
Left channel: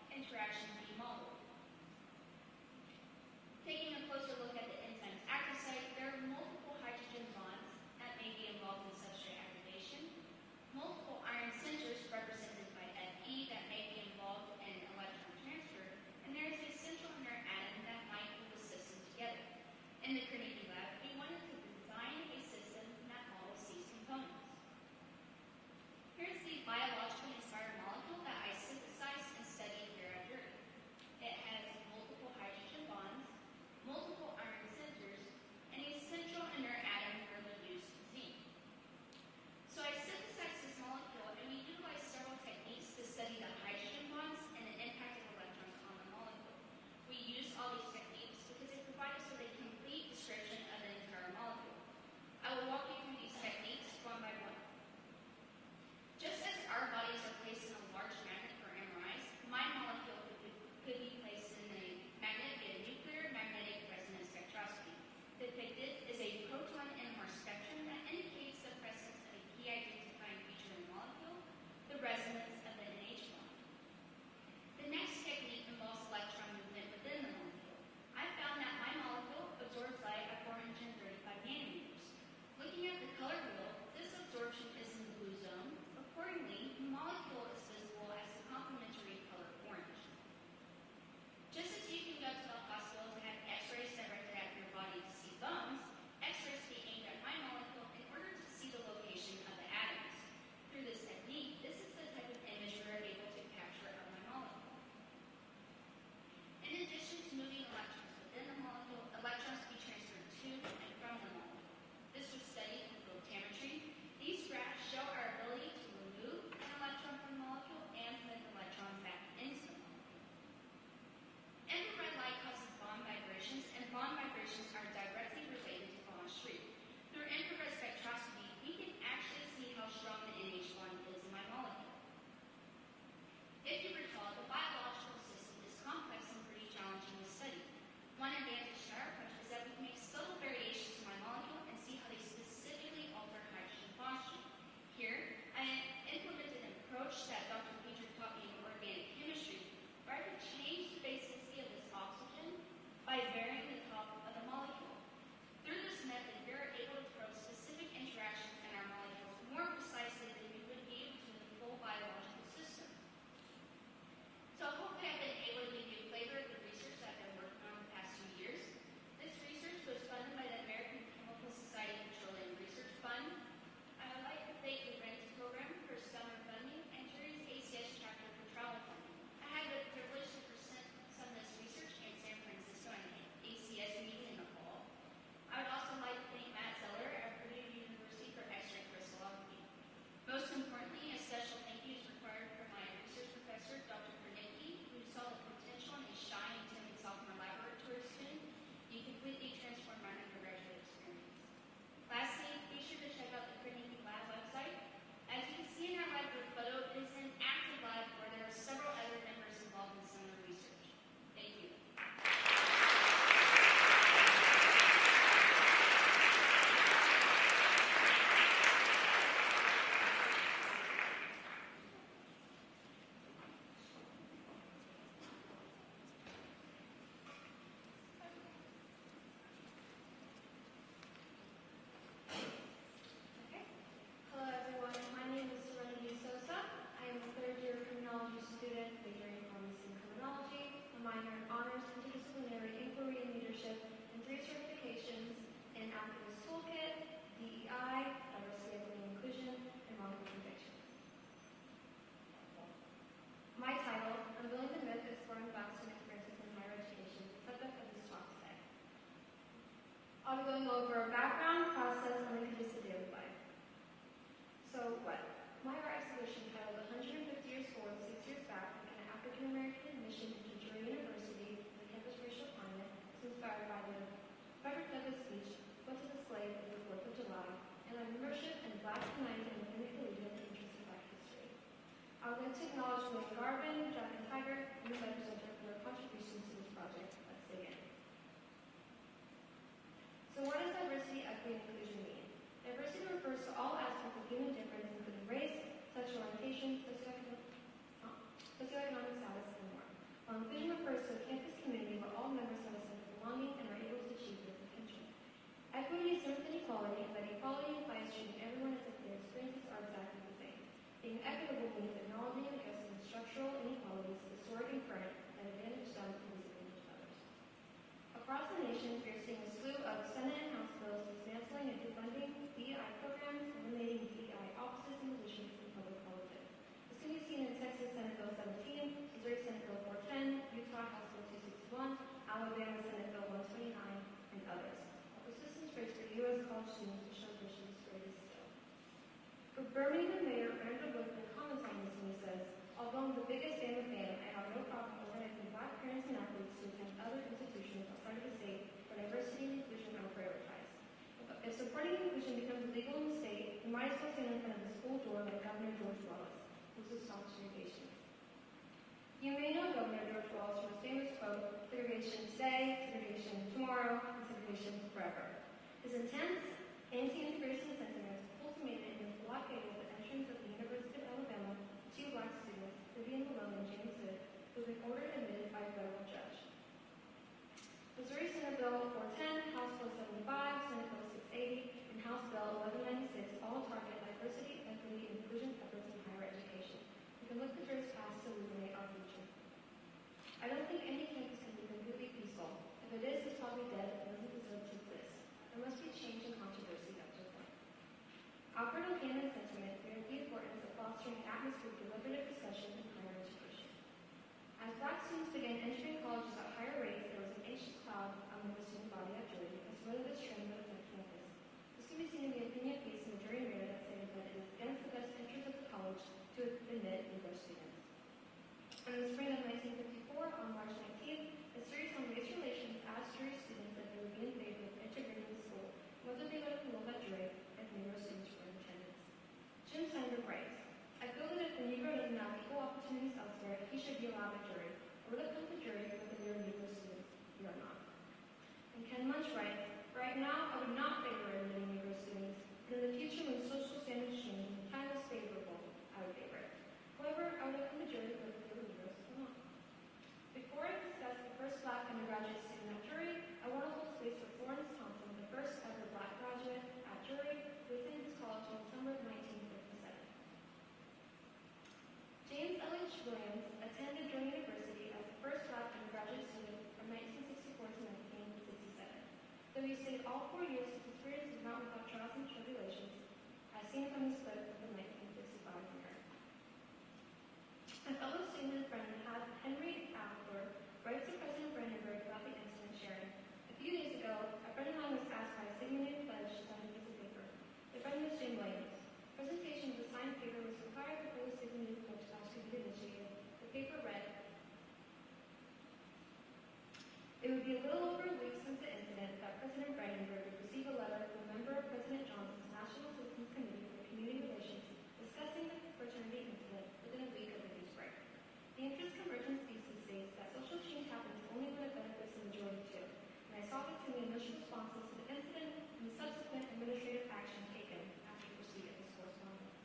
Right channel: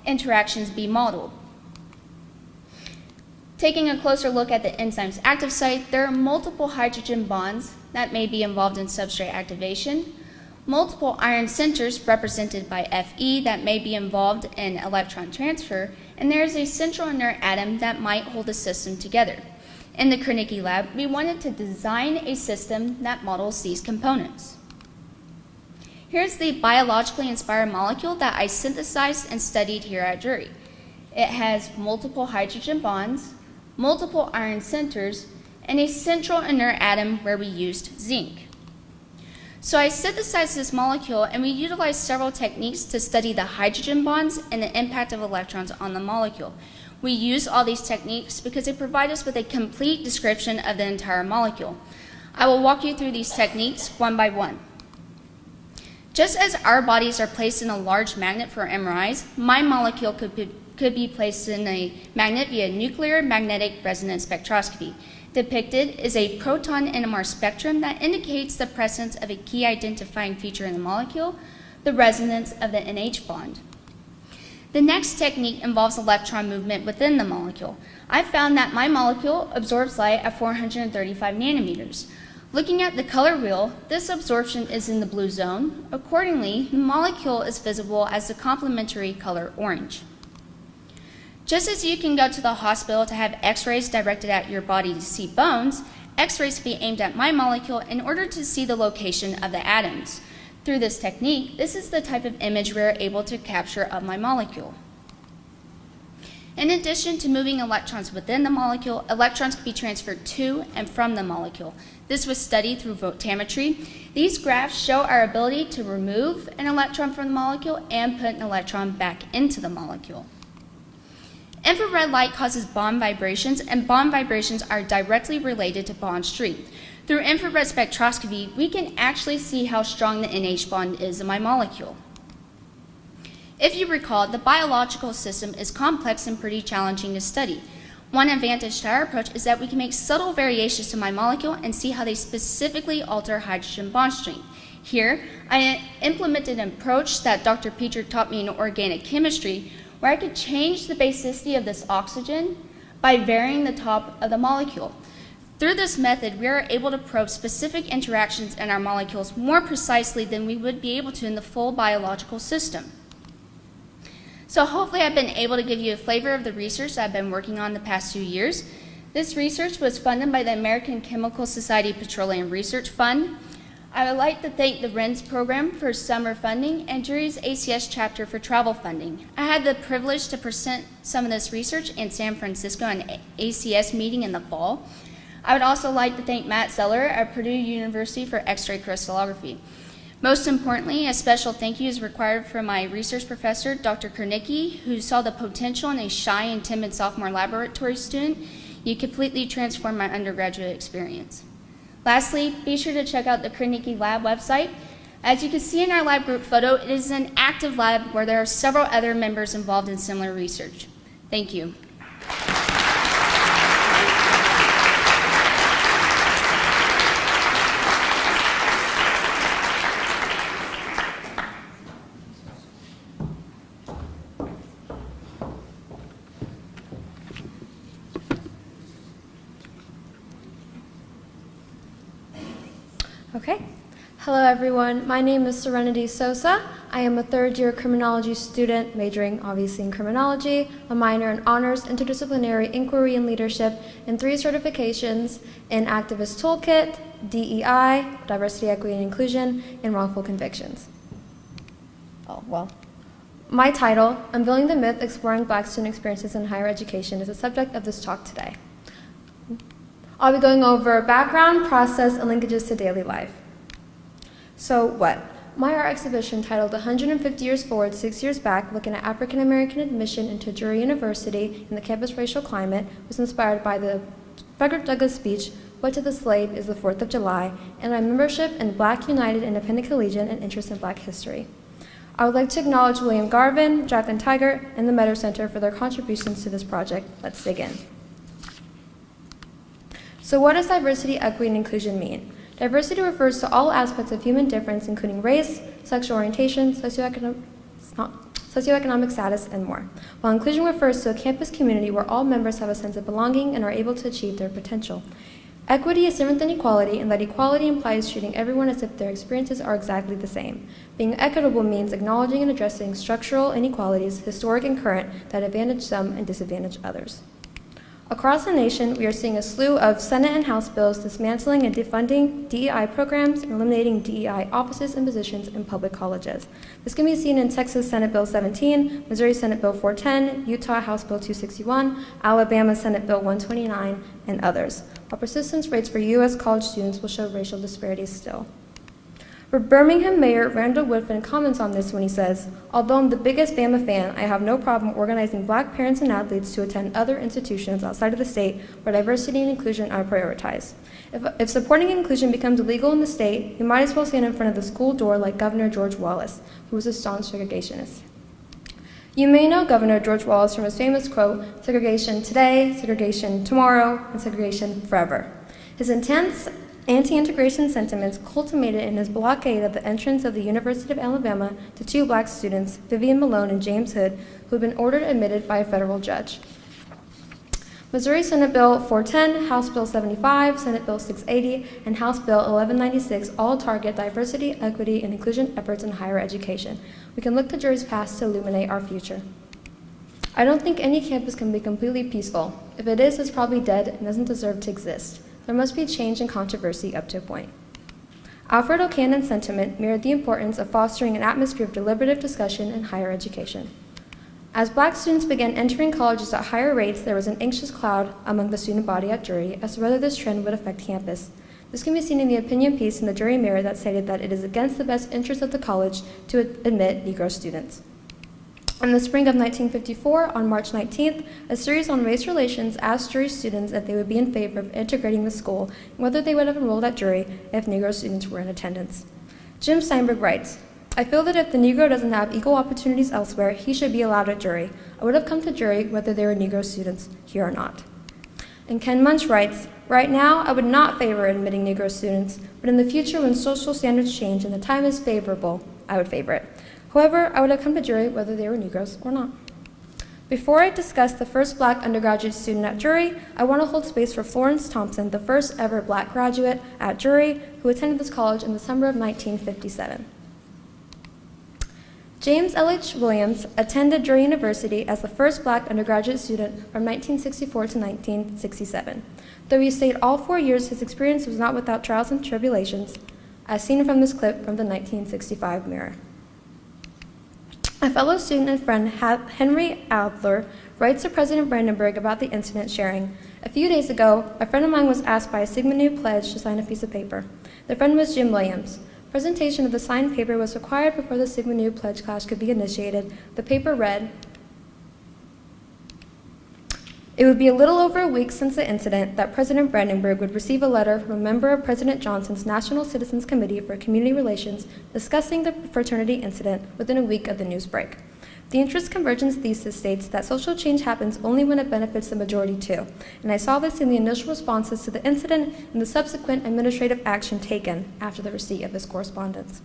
interactions be modeled? Taking a closer look at the enzyme's active site, there are multiple hydrogen bonds that may be involved in substrate activation, multiple iron centers represented by Fe that may be involved in electron transfer, and there is a central inert atom that might hold the system together. In the Carnegie lab, we wanted to design a system that models these components. Here's the biologically inspired molecule that I synthesized and studied here at Drury. It has multiple hydrogen bonds, multiple iron centers, and a central inert atom where we used zinc. So I synthesized this molecule, and we utilized several techniques to study the hydrogen bonds and the impact of electrons on the molecule. We use all these techniques because they provide us with a complete description of the entire molecule. I will walk you through these techniques one by one. Just as our bodies are placed in a large magnet for MRIs, my molecule could be placed in a magnet via nuclear magnetic resonance spectroscopy. Depicted is a proton NMR spectrum that indicates the presence of a key identifying feature in the molecule, the resonance of the NH bond. The next technique involves electron movement within the molecule. I found that my molecule absorbs light at 435 nanometers. Looking at the color wheel, this absorption is in the blue zone. Accordingly, the molecule is visible as the complementary color orange. Just as you can go to the hospital to have x-rays directed at your body to see bones, x-rays can be aimed at my molecule in order to see the location of the atoms. Through this technique, this is the type of image we are able to capture of my molecule. In addition to moving electrons within the molecule, electrons can be transferred to and from the molecule. This was studied through photometry. These graphs show our ability to remove an electron from the molecule and put an electron back into the molecule. Infrared light causes bond vibrations, and bond vibrations are directly related to bond strength. Through infrared spectroscopy, we can actually see how strong the NH bond is in my molecule. If you recall, the biological system is complex and pretty challenging to study. One advantage to our approach is that we can make subtle variations to my molecule and see how they specifically alter hydrogen bond strength. Here, I implemented an approach that Dr. Peter taught me in organic chemistry, where I could change the basicity of this oxygen by varying the top of the molecule. Through this method, we are able to probe specific interactions in our molecules more precisely than we would be able to in the full biological system. So hopefully I've been able to give you a flavor of the research that I've been working on the past 2 years. This research was funded by the American Chemical Society Petroleum Research Fund. I would like to thank the RENS program for summer funding and Jury's ACS chapter for travel funding. I had the privilege to present some of this research in San Francisco at an ACS meeting in the fall. I would also like to thank Matt Zeller at Purdue University for X-ray crystallography. Most importantly, a special thank you is required for my research professor, Dr. Kernicki, who saw the potential in a shy and timid sophomore laboratory student. You completely transformed my undergraduate experience. Lastly, be sure to check out the Kernicki Lab website. As you can see in our lab group photo, it is an active lab where there are several other members involved in similar research. Thank you. Okay. Hello, everyone. My name is Serenity Sosa. I am a third-year criminology student, majoring obviously in criminology, a minor in honors, interdisciplinary inquiry and leadership, and 3 certifications in activist toolkit, DEI, diversity, equity, and inclusion, and wrongful convictions. Oh, well. My title, Unveiling the Myth, Exploring Black Student Experiences in Higher Education, is the subject of this talk today. I'll be going over background, process, and linkages to daily life. So what? My art exhibition titled 150 Years Forward, 6 Years Back, looking at African American admission into Drury University and the campus racial climate, was inspired by the Frederick Douglass speech, What to the Slave is the 4th of July, and my membership in Black United Independent Collegian and interest in Black history. I would like to acknowledge William Garvin, Jacqueline Taggart, and the Meadow Center for their contributions to this project. Let's dig in. So what does diversity, equity, and inclusion mean? Diversity refers to all aspects of human difference, including race, sexual orientation, socioeconomic status, and more. While inclusion refers to a campus community where all members have a sense of belonging and are able to achieve their potential. Equity is different than equality, in that equality implies treating everyone as if their experiences are exactly the same. Being equitable means acknowledging and addressing structural inequalities, historic and current, that advantage some and disadvantage others. Across the nation, we are seeing a slew of Senate and House bills dismantling and defunding DEI programs and eliminating DEI offices and positions in public colleges. This can be seen in Texas Senate Bill 17, Missouri Senate Bill 410, Utah House Bill 261, Alabama Senate Bill 129, and others, while persistence rates for U.S. college students will show racial disparities still. Birmingham Mayor Randall Woodfin comments on this when he says, "Although I'm the biggest Bama fan, I have no problem organizing Black parents and athletes to attend other institutions outside of the state where diversity and inclusion are prioritized. If supporting inclusion becomes illegal in the state, we might as well stand in front of the school door like Governor George Wallace, who was a staunch segregationist." You may know Governor George Wallace from his famous quote, "Segregation today, segregation tomorrow, and segregation forever." His intense anti-integration sentiments culminated in his blockade of the entrance of the University of Alabama to 2 Black students, Vivian Malone and James Hood, who had been ordered admitted by a federal judge. Missouri Senate Bill 410, House Bill 75, Senate Bill 680, and House Bill 1196 all target diversity, equity, and inclusion efforts in higher education. We can look to Drury's past to illuminate our future. I don't think any campus can be completely peaceful. If it is, it's probably dead and doesn't deserve to exist. There must be change and controversy up to a point. Alfred O'Cannon's sentiment mirrored the importance of fostering an atmosphere of deliberative discussion in higher education. As Black students began entering colleges at higher rates, there was an anxious cloud among the student body at Drury as to whether this trend would affect campus. This can be seen in the opinion piece in the Drury Mirror that stated that it is against the best interest of the college to admit Negro students. In the spring of 1954, on March 19th, a series on race relations asked Drury students if they would be in favor of integrating the school and whether they would have enrolled at Drury if Negro students were in attendance. Jim Steinberg writes, "I feel that if the Negro doesn't have equal opportunities elsewhere, he should be allowed at Drury. I would have come to Drury whether there were Negro students here or not." And Ken Munch writes, "Right now, I would not favor admitting Negro students, but in the future when social standards change and the time is favorable, I would favor it. However, I would have come to Drury whether they were Negroes or not." Before I discuss the first Black undergraduate student at Drury, I want to hold space for Florence Thompson, the first ever Black graduate at Drury, who attended this college in the summer of 1957. James L.H. Williams attended Drury University as the first Black undergraduate student from 1964 to 1967. Though he stayed all 4 years, his experience was not without trials and tribulations, as seen from this clip from the 1965 Mirror. A fellow student and friend, Henry Adler, writes to President Brandenburg about the incident, sharing, "A few days ago, a friend of mine was asked by a Sigma Nu pledge to sign a piece of paper. The friend was Jim Williams. Presentation of the signed paper was required before the Sigma Nu pledge class could be initiated. The paper read, 'It would be a little over a week since the incident that President Brandenburg would receive a letter from a member of President Johnson's National Citizens Committee for Community Relations discussing the fraternity incident within a week of the news break. The interest convergence thesis states that social change happens only when it benefits the majority too, and I saw this in the initial responses to the incident and the subsequent administrative action taken after the receipt of this correspondence.'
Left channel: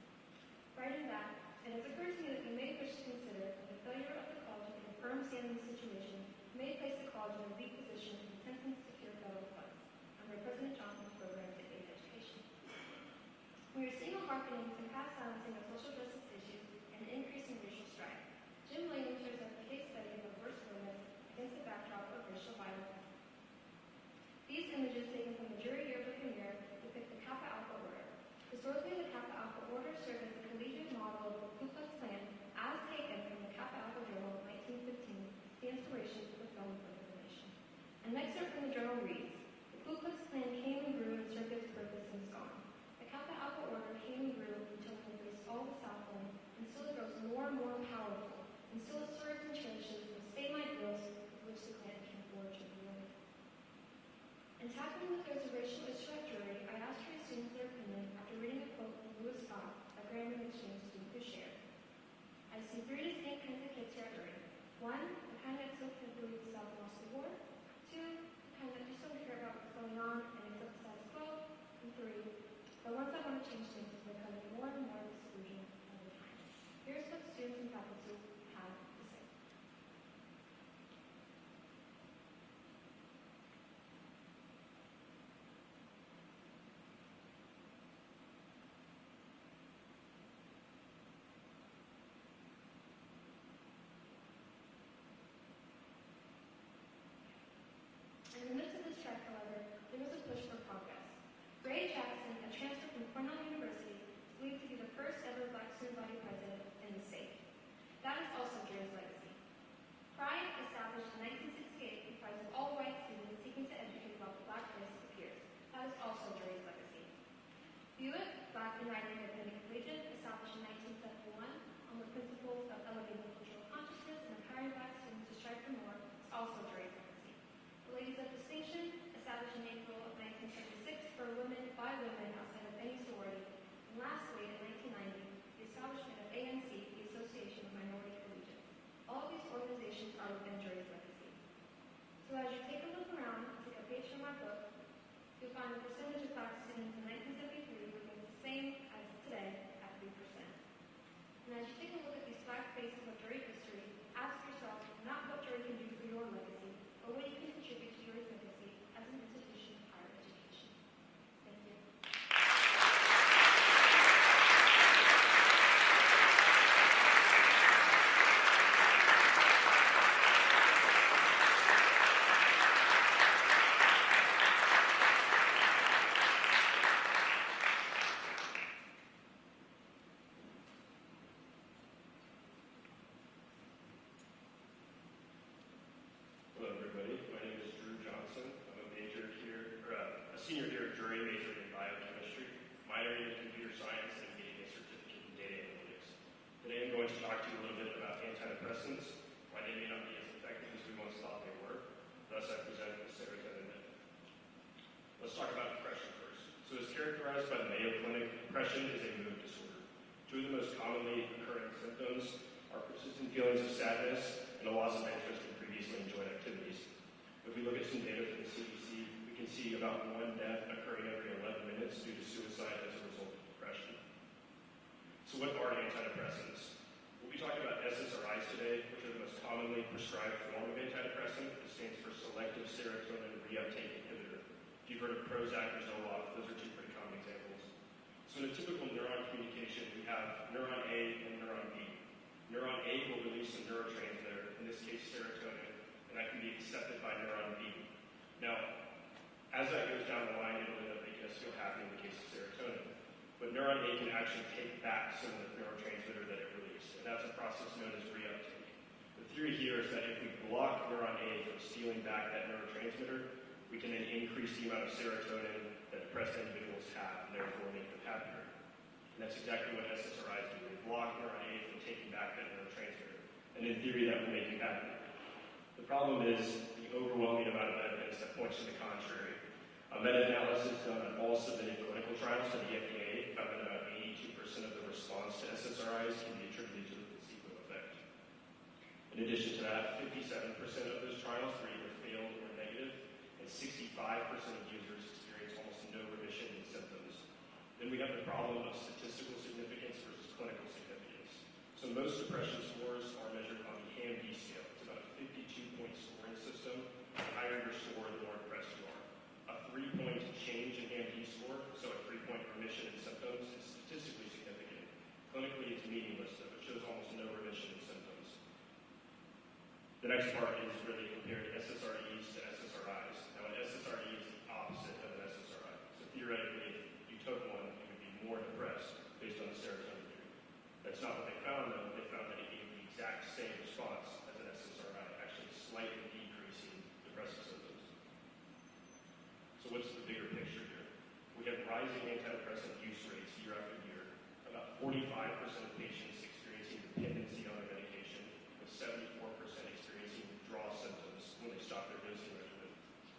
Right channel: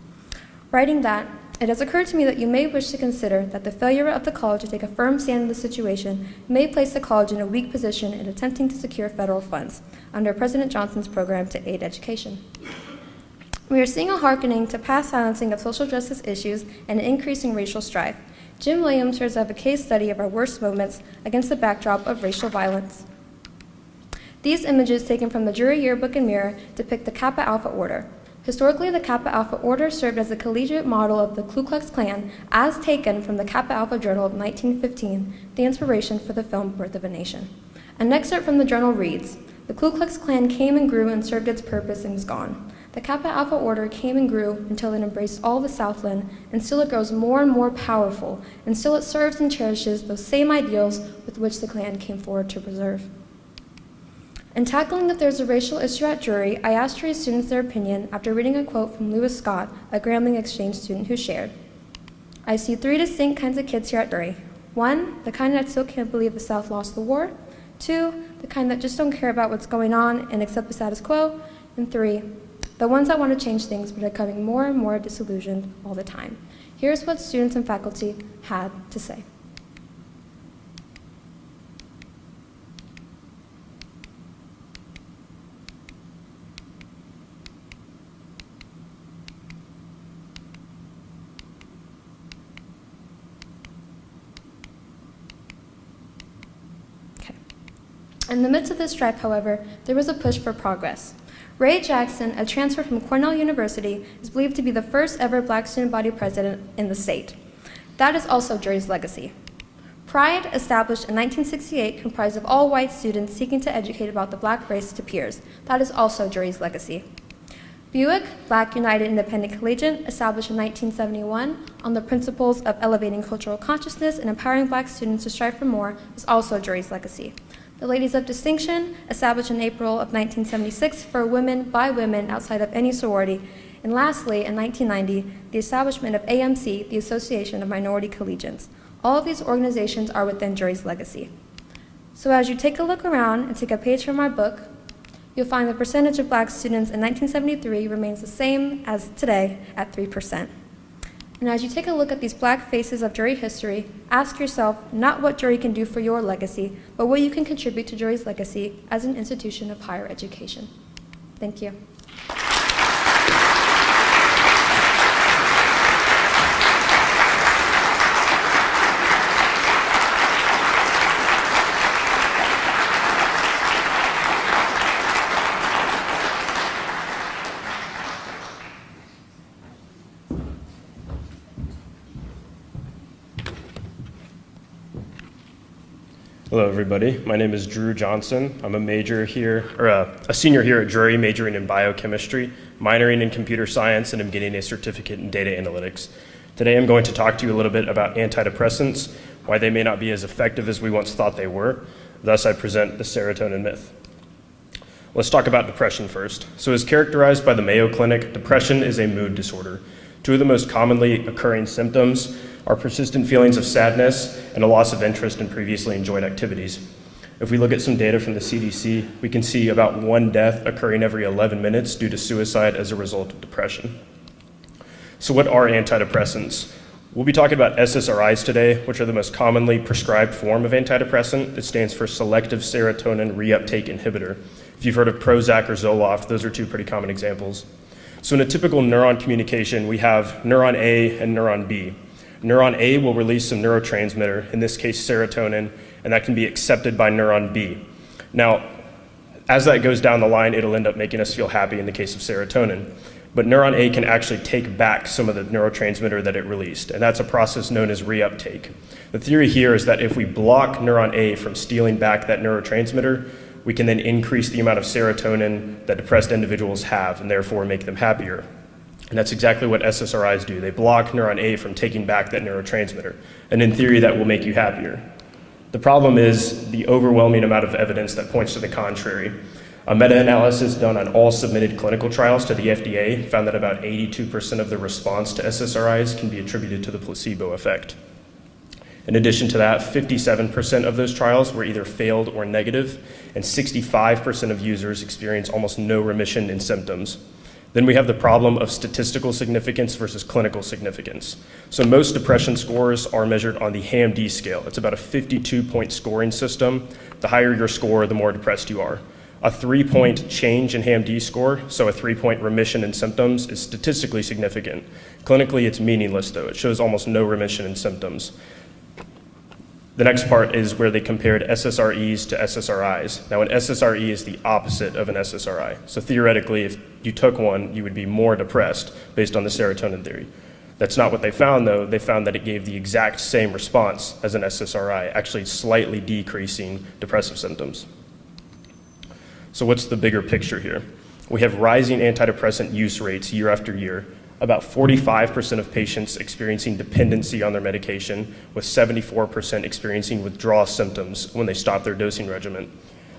Writing that, it has occurred to me that you may wish to consider that the failure of the college to take a firm stand in the situation may place the college in a weak position in attempting to secure federal funds under President Johnson's program to aid education. We are seeing a hearkening to past silencing of social justice issues and an increasing racial strife. Jim Williams serves as a case study of our worst moments against the backdrop of racial violence. These images taken from the Drury Yearbook and Mirror depict the Kappa Alpha Order. Historically, the Kappa Alpha Order served as a collegiate model of the Ku Klux Klan, as taken from the Kappa Alpha Journal of 1915, the inspiration for the film Birth of a Nation. An excerpt from the journal reads, "The Ku Klux Klan came and grew and served its purpose and is gone. The Kappa Alpha Order came and grew until it embraced all the Southland, and still it grows more and more powerful, and still it serves and cherishes those same ideals with which the Klan came forward to preserve." In tackling if there's a racial issue at Drury, I asked Drury students their opinion after reading a quote from Lewis Scott, a Grambling exchange student who shared, "I see 3 distinct kinds of kids here at Drury. 1, the kind that still can't believe the South lost the war. 2, the kind that just don't care about what's going on and accept the status quo. And 3, the ones that want to change things but are becoming more and more disillusioned all the time." Here's what students and faculty had to say. In the midst of this strife, however, there was a push for progress. Ray Jackson, a transfer from Cornell University, is believed to be the first ever Black student body president in the state. That is also Drury's legacy. Pride, established in 1968, comprised of all white students seeking to educate about the Black race to peers. That is also Drury's legacy. Buick, Black United Independent Collegiate, established in 1971 on the principles of elevating cultural consciousness and empowering Black students to strive for more, is also Drury's legacy. The Ladies of Distinction, established in April of 1976 for women by women outside of any sorority. And lastly, in 1990, the establishment of AMC, the Association of Minority Collegians. All of these organizations are within Drury's legacy. So as you take a look around and take a page from our book, you'll find the percentage of Black students in 1973 remains the same as today at 3%. And as you take a look at these Black faces of Drury history, ask yourself not what Drury can do for your legacy, but what you can contribute to Drury's legacy as an institution of higher education. Thank you. Hello, everybody. My name is Drew Johnson. I'm a senior here at Drury, majoring in biochemistry, minoring in computer science, and I'm getting a certificate in data analytics. Today, I'm going to talk to you a little bit about antidepressants, why they may not be as effective as we once thought they were. Thus, I present the serotonin myth. Let's talk about depression first. So as characterized by the Mayo Clinic, depression is a mood disorder. 2 of the most commonly occurring symptoms are persistent feelings of sadness and a loss of interest in previously enjoyed activities. If we look at some data from the CDC, we can see about 1 death occurring every 11 minutes due to suicide as a result of depression. So what are antidepressants? We'll be talking about SSRIs today, which are the most commonly prescribed form of antidepressant. It stands for selective serotonin reuptake inhibitor. If you've heard of Prozac or Zoloft, those are two pretty common examples. So in a typical neuron communication, we have neuron A and neuron B. Neuron A will release some neurotransmitter, in this case serotonin, and that can be accepted by neuron B. Now, as that goes down the line, it'll end up making us feel happy in the case of serotonin. But neuron A can actually take back some of the neurotransmitter that it released, and that's a process known as reuptake. The theory here is that if we block neuron A from stealing back that neurotransmitter, we can then increase the amount of serotonin that depressed individuals have and therefore make them happier. And that's exactly what SSRIs do. They block neuron A from taking back that neurotransmitter, and in theory that will make you happier. The problem is the overwhelming amount of evidence that points to the contrary. A meta-analysis done on all submitted clinical trials to the FDA found that about 82% of the response to SSRIs can be attributed to the placebo effect. In addition to that, 57% of those trials were either failed or negative, and 65% of users experienced almost no remission in symptoms. Then we have the problem of statistical significance versus clinical significance. So most depression scores are measured on the HAM-D scale. It's about a 52-point scoring system. The higher your score, the more depressed you are. A 3-point change in HAM-D score, so a 3-point remission in symptoms, is statistically significant. Clinically, it's meaningless, though. It shows almost no remission in symptoms. The next part is where they compared SSREs to SSRIs. Now, an SSRE is the opposite of an SSRI. So theoretically, if you took one, you would be more depressed based on the serotonin theory. That's not what they found, though. They found that it gave the exact same response as an SSRI, actually slightly decreasing depressive symptoms. So what's the bigger picture here? We have rising antidepressant use rates year after year, about 45% of patients experiencing dependency on their medication, with 74% experiencing withdrawal symptoms when they stop their dosing regimen.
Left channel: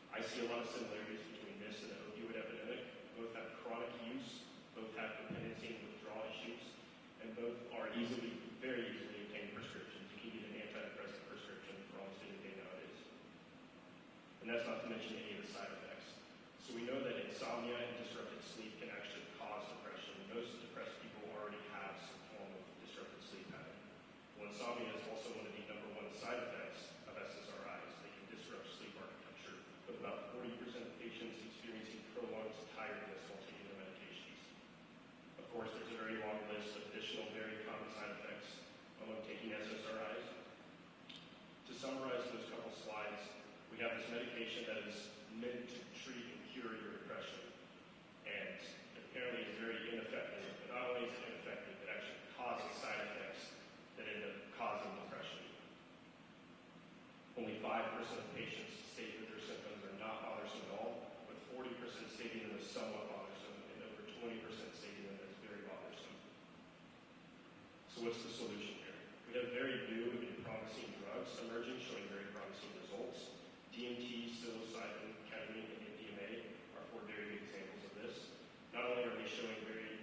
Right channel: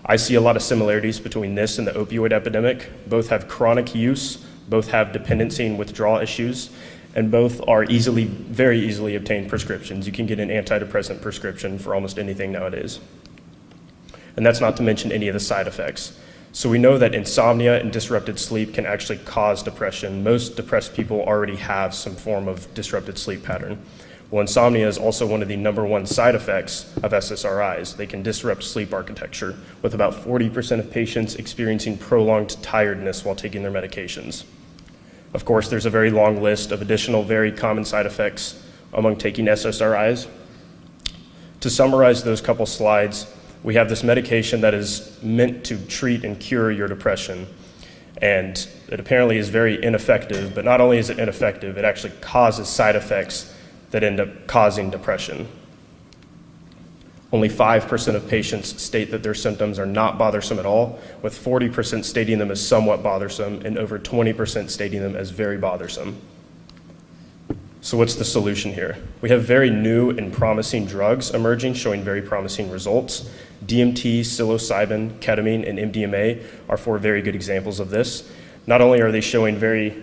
I see a lot of similarities between this and the opioid epidemic. Both have chronic use, both have dependency and withdrawal issues, and both are very easily obtained prescriptions. You can get an antidepressant prescription for almost anything nowadays. And that's not to mention any of the side effects. So we know that insomnia and disrupted sleep can actually cause depression. Most depressed people already have some form of disrupted sleep pattern. Well, insomnia is also one of the #1 side effects of SSRIs. They can disrupt sleep architecture, with about 40% of patients experiencing prolonged tiredness while taking their medications. Of course, there's a very long list of additional very common side effects among taking SSRIs. To summarize those couple slides, we have this medication that is meant to treat and cure your depression, and it apparently is very ineffective, but not only is it ineffective, it actually causes side effects that end up causing depression. Only 5% of patients state that their symptoms are not bothersome at all, with 40% stating them as somewhat bothersome and over 20% stating them as very bothersome. So what's the solution here? We have very new and promising drugs emerging showing very promising results. DMT, psilocybin, ketamine, and MDMA are 4 very good examples of this. Not only are they showing very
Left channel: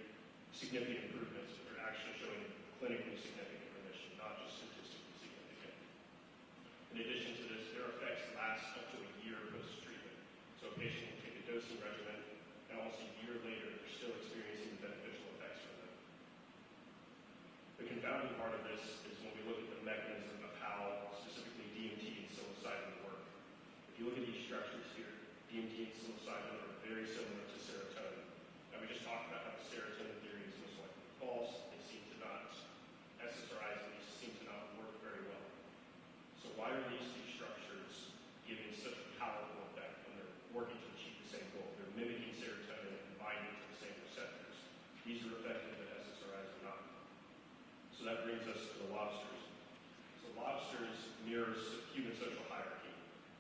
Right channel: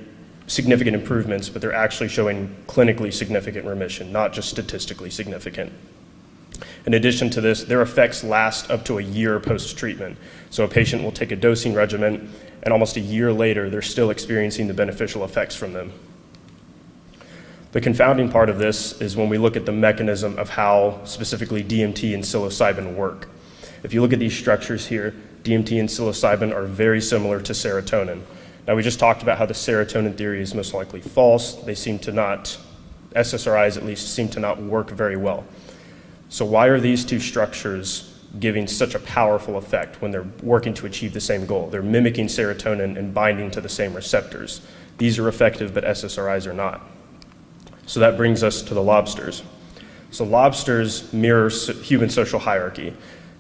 significant improvements, but they're actually showing clinically significant remission, not just statistically significant. In addition to this, their effects last up to a year post-treatment. So a patient will take a dosing regimen, and almost a year later, they're still experiencing the beneficial effects from them. The confounding part of this is when we look at the mechanism of how specifically DMT and psilocybin work. If you look at these structures here, DMT and psilocybin are very similar to serotonin. Now, we just talked about how the serotonin theory is most likely false. They seem to not, SSRIs at least, seem to not work very well. So why are these two structures giving such a powerful effect when they're working to achieve the same goal? They're mimicking serotonin and binding to the same receptors. These are effective, but SSRIs are not. So that brings us to the lobsters. So lobsters mirror human social hierarchy,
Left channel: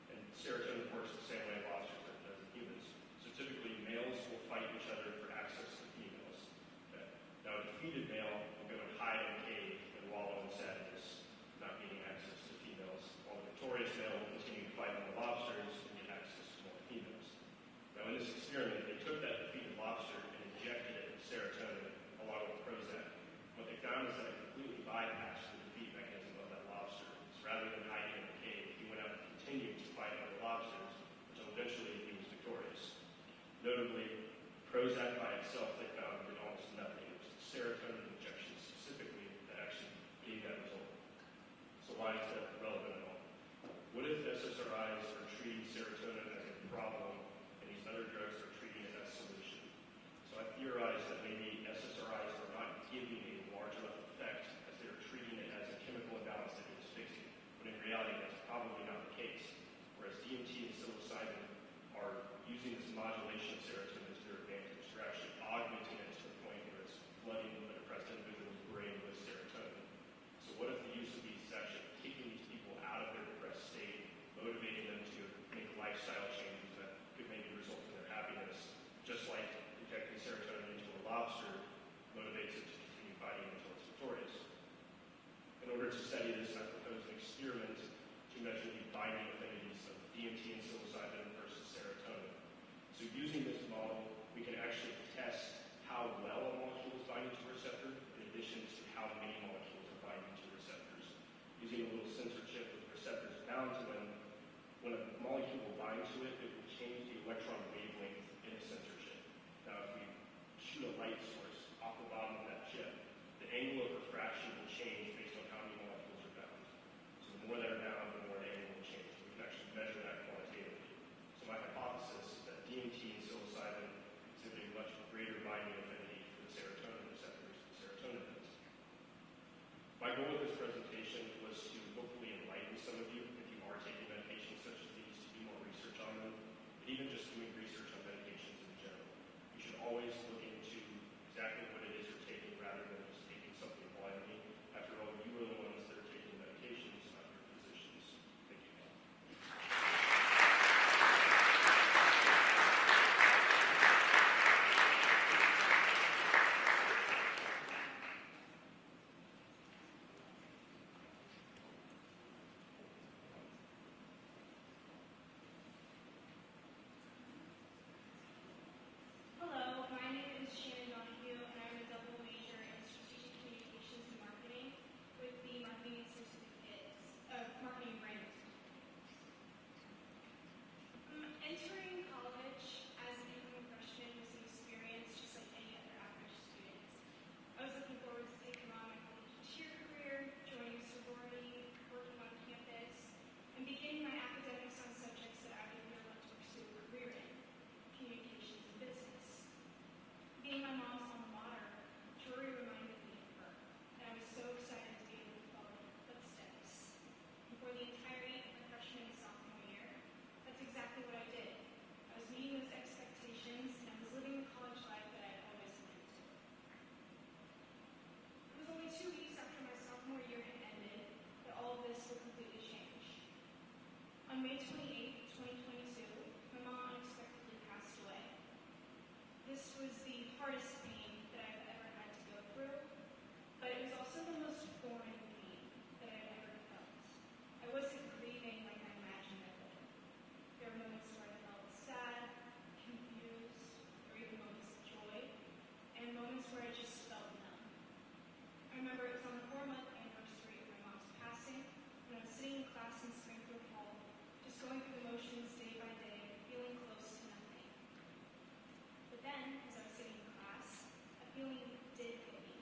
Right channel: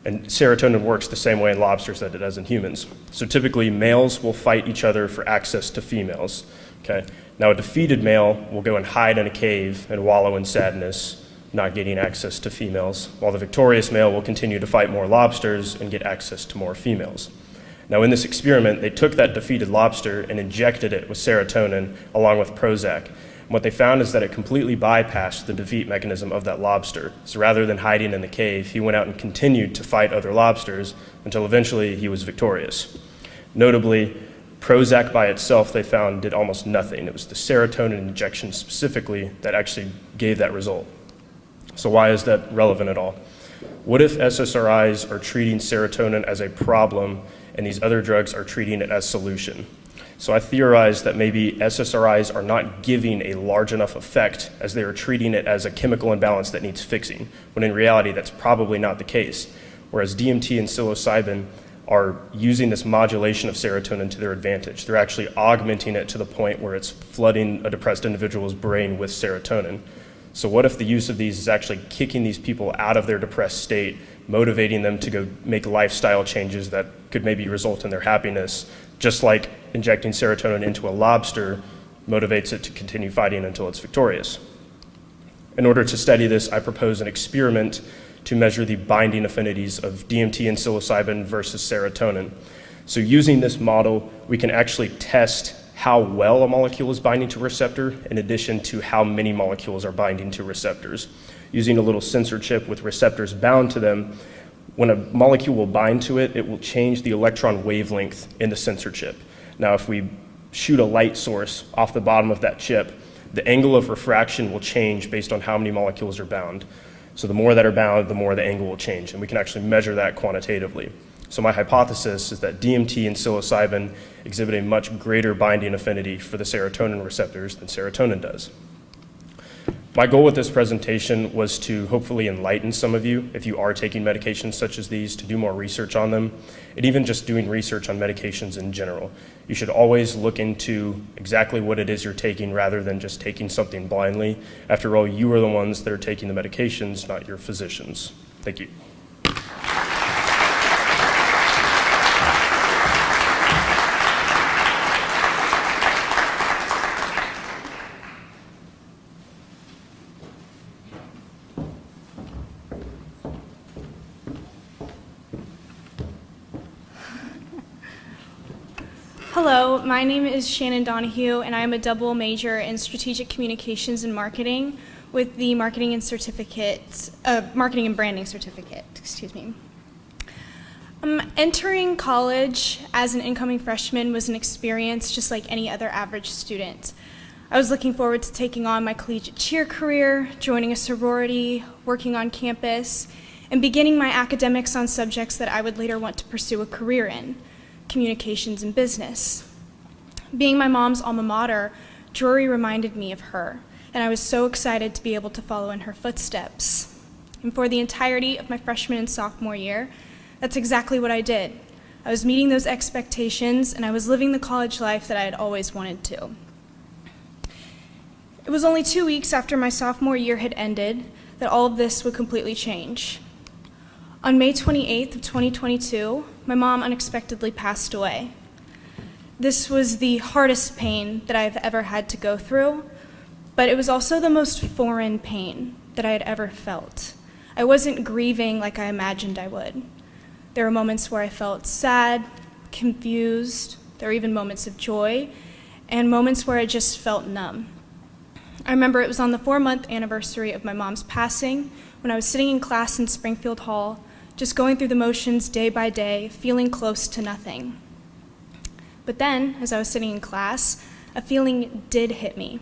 and serotonin works the same way in lobsters that it does in humans. So typically, males will fight each other for access to females. Okay? Now, a defeated male will go and hide in a cave and wallow in sadness, not getting access to females, while the victorious male will continue to fight more lobsters and get access to more females. Now, in this experiment, they took that defeated lobster and injected it with serotonin along with Prozac. And what they found is that it completely bypassed the defeat mechanism of that lobster. So rather than hiding in the cave, he went out and continued to fight other lobsters until eventually he was victorious. Notably, Prozac by itself, they found, did almost nothing. It was the serotonin injection specifically that actually gave that result. So why is that relevant at all? What if SSRIs are treating serotonin as a problem and these other drugs are treating it as solution? So I theorized that maybe SSRIs are not giving a large enough effect as they are treating it as a chemical imbalance that needs fixing, when in reality that's probably not the case. Whereas DMT and psilocybin are using this modulation of serotonin to their advantage. They're actually augmenting it to the point where it's flooding a depressed individual's brain with serotonin. So what if the use of these is actually kicking these people out of their depressed state, motivating them to go make lifestyle changes that could maybe result in their happiness, just like injecting serotonin into a lobster motivates it to continue fighting until it's victorious. In order to study this, I propose an experiment to measure the binding affinities of DMT and psilocybin versus serotonin. So using this model, we can actually test how well a molecule is binding to a receptor in addition to how many molecules are binding to receptors. Using a little sensor chip with receptors bound to them, when a molecule will bind to it, it will change the electron wavelength in the sensor chip. Now, if we shoot a light source off the bottom of that chip, the angle of refraction will change based on how many molecules are bound. So the more that are bound, the more the angle will change, and we can actually measure that quantitatively. So my hypothesis is that DMT and psilocybin exhibit a much greater binding affinity for the serotonin receptors than serotonin does. My goal with this presentation was to hopefully enlighten some of you, if you are taking medications such as these, to do more research on them, and even just doing research on medications in general. You should always look into exactly what it is you're taking rather than just taking something blindly. After all, you are the ones that are taking the medications, not your physicians. Thank you. Hello, my name is Shannon Donahue, and I am a double major in strategic communications and marketing with the marketing and branding certificate. Excuse me. Entering college as an incoming freshman was an experience just like any other average student. I was looking forward to taking on my collegiate cheer career, joining a sorority, working on campus, and beginning my academics on subjects that I would later want to pursue a career in. Communications and business. Being my mom's alma mater, Drury reminded me of her, and I was so excited to be able to follow in her footsteps. And for the entirety of my freshman and sophomore year, that's exactly what I did. I was meeting those expectations, and I was living the college life that I had always wanted to. It was only 2 weeks after my sophomore year had ended that all of this would completely change. On May 28th of 2022, my mom unexpectedly passed away. This was the hardest pain that I've ever had to go through, but it was also the most foreign pain that I had ever felt. I wasn't grieving like I imagined I would. There were moments where I felt sad, confused, there were even moments of joy, and moments where I just felt numb. I remember it was on the 4-month anniversary of my mom's passing when I was sitting in class in Springfield Hall, just going through the motions day by day, feeling close to nothing. But then, as I was sitting in class, a feeling did hit me.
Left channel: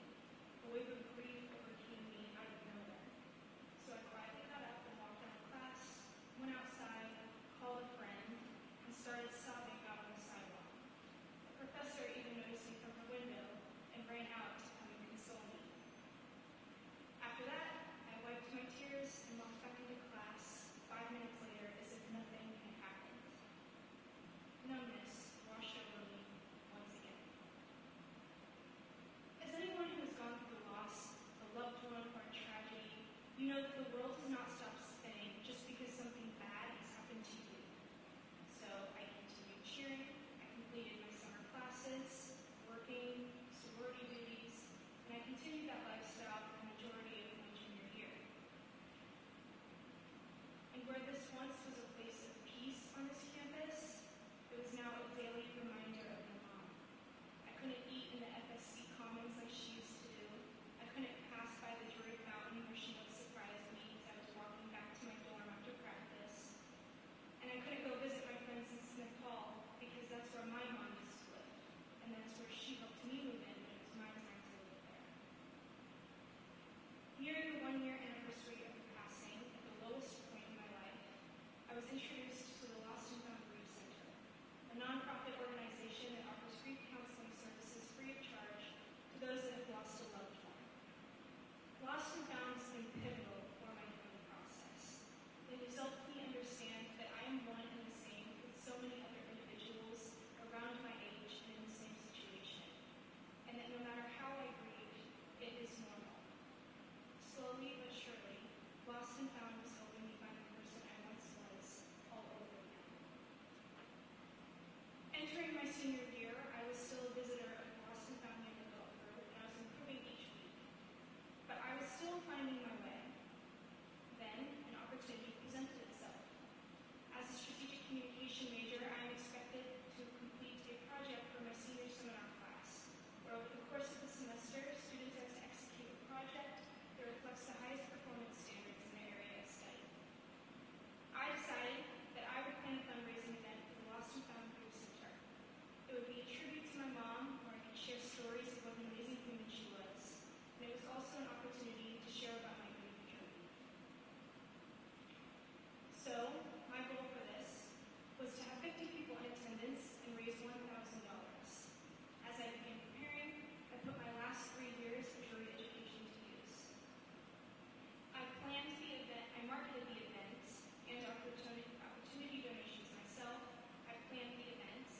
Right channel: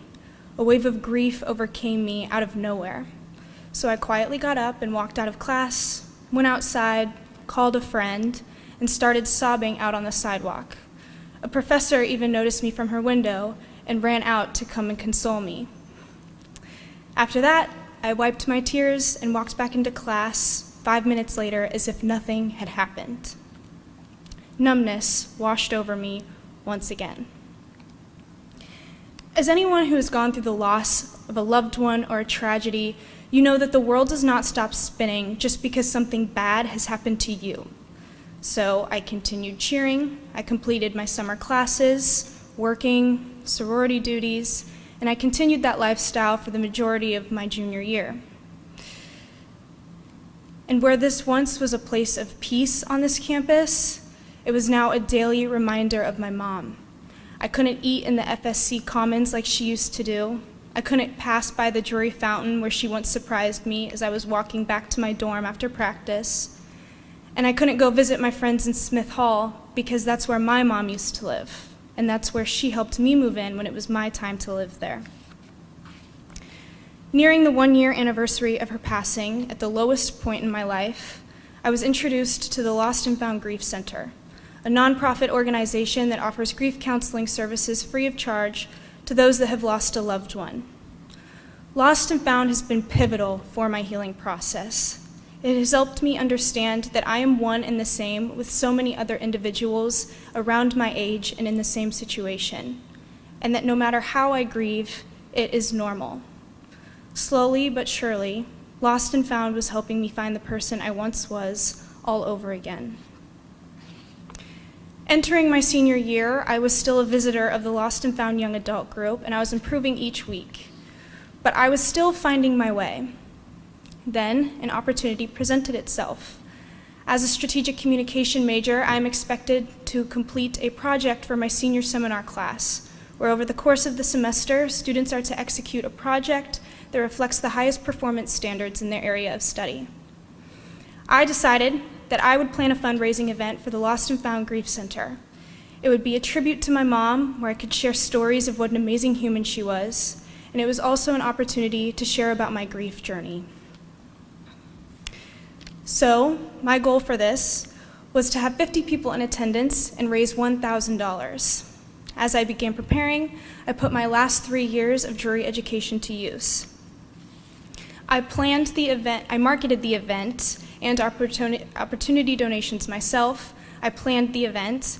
A wave of grief overcame me out of nowhere. So I quietly got up and walked out of class, went outside, called a friend, and started sobbing out on the sidewalk. A professor even noticed me from her window and ran out to come and console me. After that, I wiped my tears and walked back into class 5 minutes later as if nothing had happened. Numbness washed over me once again. As anyone who has gone through the loss of a loved one or a tragedy, you know that the world does not stop spinning just because something bad has happened to you. So I continued cheering, I completed my summer classes, working, sorority duties, and I continued that lifestyle for the majority of my junior year. And where this once was a place of peace on this campus, it was now a daily reminder of my mom. I couldn't eat in the FSC Commons like she used to do. I couldn't pass by the Drury Fountain where she once surprised me as I was walking back to my dorm after practice. And I couldn't go visit my friends in Smith Hall because that's where my mom used to live. And that's where she helped me move in when it was my time to live there. Nearing the 1-year anniversary of her passing, at the lowest point in my life, I was introduced to the Lost and Found Grief Center, a nonprofit organization that offers grief counseling services free of charge to those that have lost a loved one. Lost and Found has been pivotal for my healing process. It has helped me understand that I am one and the same with so many other individuals around my age and in the same situation, and that no matter how I grieve, it is normal. Slowly but surely, Lost and Found was helping me find the person I once was all over again. Entering my senior year, I was still a visitor of the Lost and Found young adult group, and I was improving each week. But I was still finding my way. Then, an opportunity presented itself. As a strategic communication major, I am expected to complete a project for my senior seminar class, where over the course of the semester, students are to execute a project that reflects the highest performance standards in their area of study. I decided that I would plan a fundraising event for the Lost and Found Grief Center. It would be a tribute to my mom, where I could share stories of what an amazing human she was, and it was also an opportunity to share about my grief journey. So, my goal for this was to have 50 people in attendance and raise $1,000. As I began preparing, I put my last 3 years of jury education to use. I planned the event, I marketed the event and opportunity donations myself. I planned the event.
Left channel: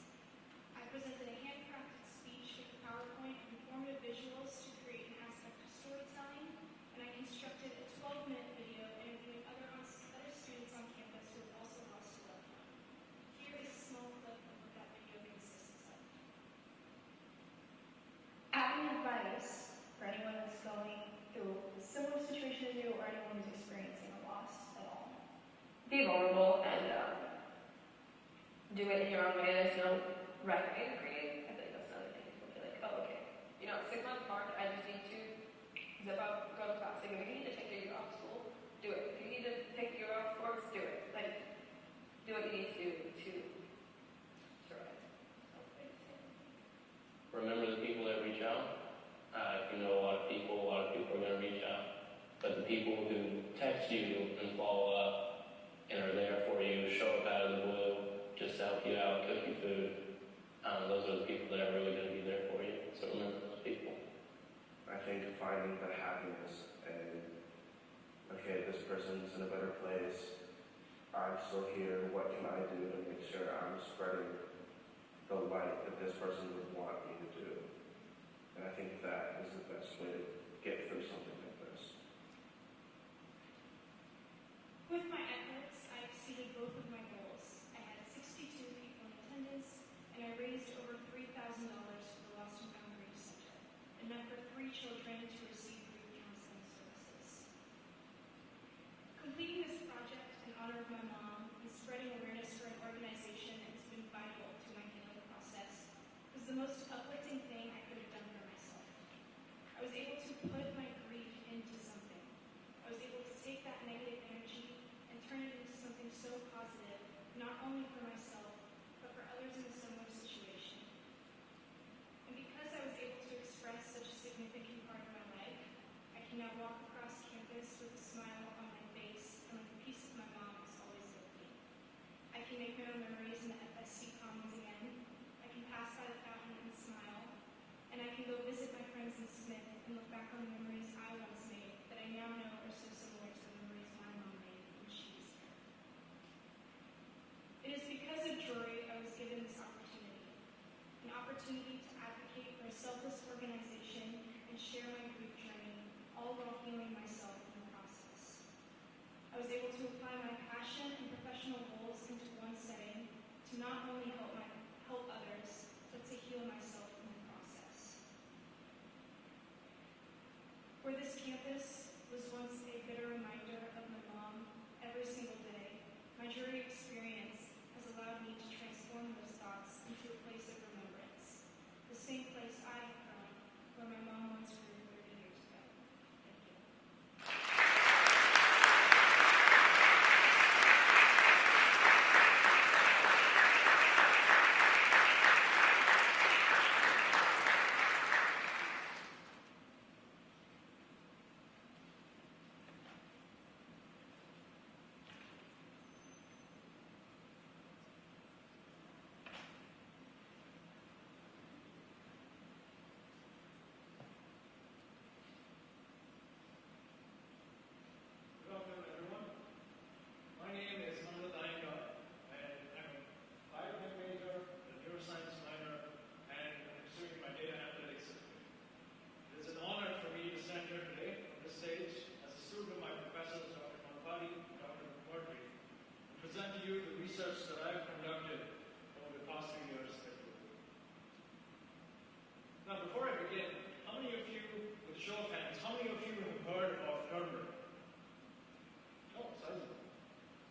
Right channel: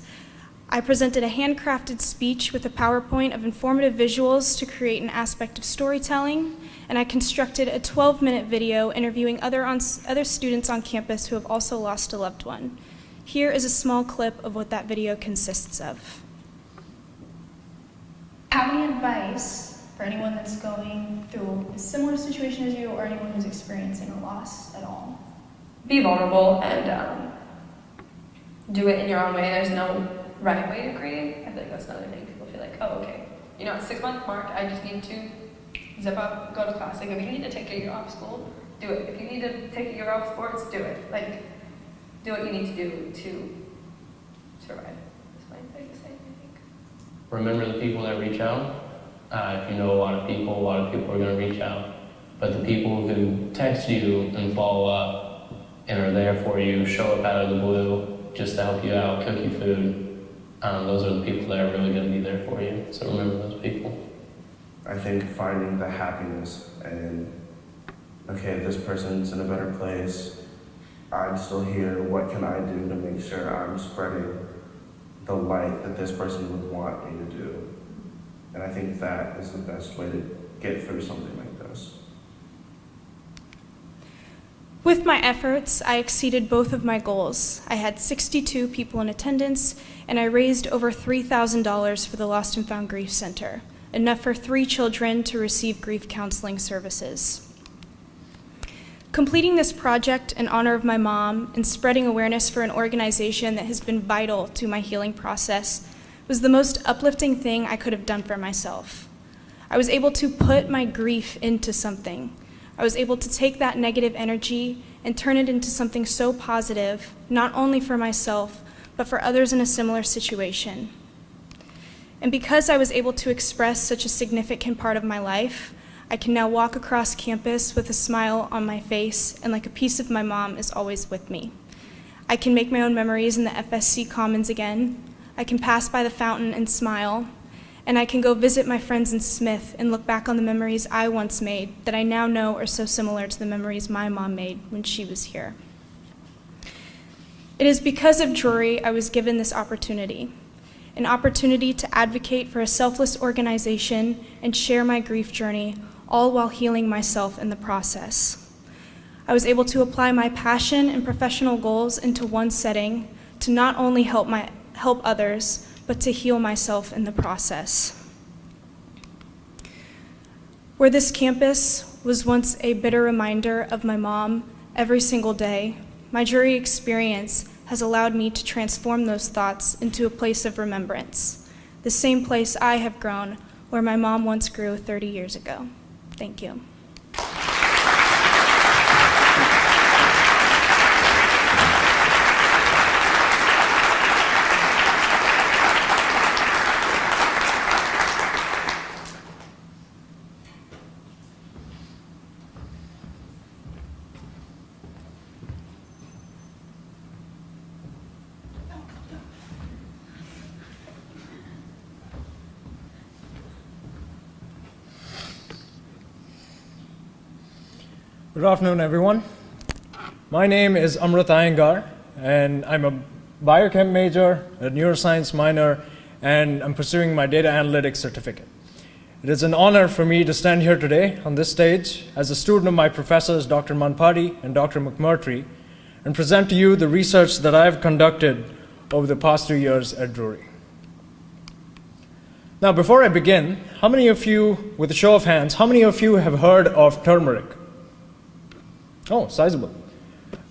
I presented a handcrafted speech with a PowerPoint of informative visuals to create an aspect of storytelling, and I constructed a 12-minute video interviewing other students on campus who have also lost a loved one. Here is a small clip of what that video consists of. Have any advice for anyone that's going through a similar situation as you, or anyone who's experiencing a loss at all? Be vulnerable and do it in your own way. There's no right way to grieve. I feel like that's another thing. People feel like, oh, okay, you know, at 6-month mark, I just need to zip up, go to class. Like, if you need to take a year off school, do it. If you need to take a year off sports, do it. Like, do what you need to do to survive. That's my biggest thing, I think. Remember the people that reach out. If you know a lot of people are going to reach out. But the people who text you and follow up and are there for you, show up out of the blue just to help you out, cook you food, those are the people that are really going to be there for you. So remember those people. I think finding the happiness and, okay, this person's in a better place. I'm still here. What can I do to make sure I'm spreading the light that this person would want me to do? And I think that is the best way to get through something like this. With my efforts, I exceeded both of my goals. I had 62 people in attendance, and I raised over $3,000 for the Lost and Found Grief Center, enough for 3 children to receive grief counseling services. Completing this project in honor of my mom and spreading awareness for an organization that has been vital to my healing process was the most uplifting thing I could have done for myself. I was able to put my grief into something. I was able to take that negative energy and turn it into something so positive, not only for myself, but for others in a similar situation. And because I was able to express such a significant part of my life, I can now walk across campus with a smile on my face, and like a piece of my mom is always with me. I can make my own memories in the FSC Commons again. I can pass by the fountain and smile, and I can go visit my friends in Smith and look back on the memories I once made that I now know are so similar to the memories my mom made when she was here. It is because of Drury I was given this opportunity, an opportunity to advocate for a selfless organization and share my grief journey, all while healing myself in the process. I was able to apply my passion and professional goals into one setting to not only help others, but to heal myself in the process. Where this campus was once a bitter reminder of my mom every single day, my jury experience has allowed me to transform those thoughts into a place of remembrance, the same place I have grown where my mom once grew 30 years ago. Thank you. Good afternoon, everyone. My name is Amrut Iyengar, and I'm a biochem major, a neuroscience minor, and I'm pursuing my data analytics certificate. It is an honor for me to stand here today on this stage as a student of my professors, Dr. Manpadi and Dr. McMurtry, and present to you the research that I've conducted over the past 2 years at Drury. Now, before I begin, how many of you, with a show of hands, how many of you have heard of turmeric? Oh, sizable.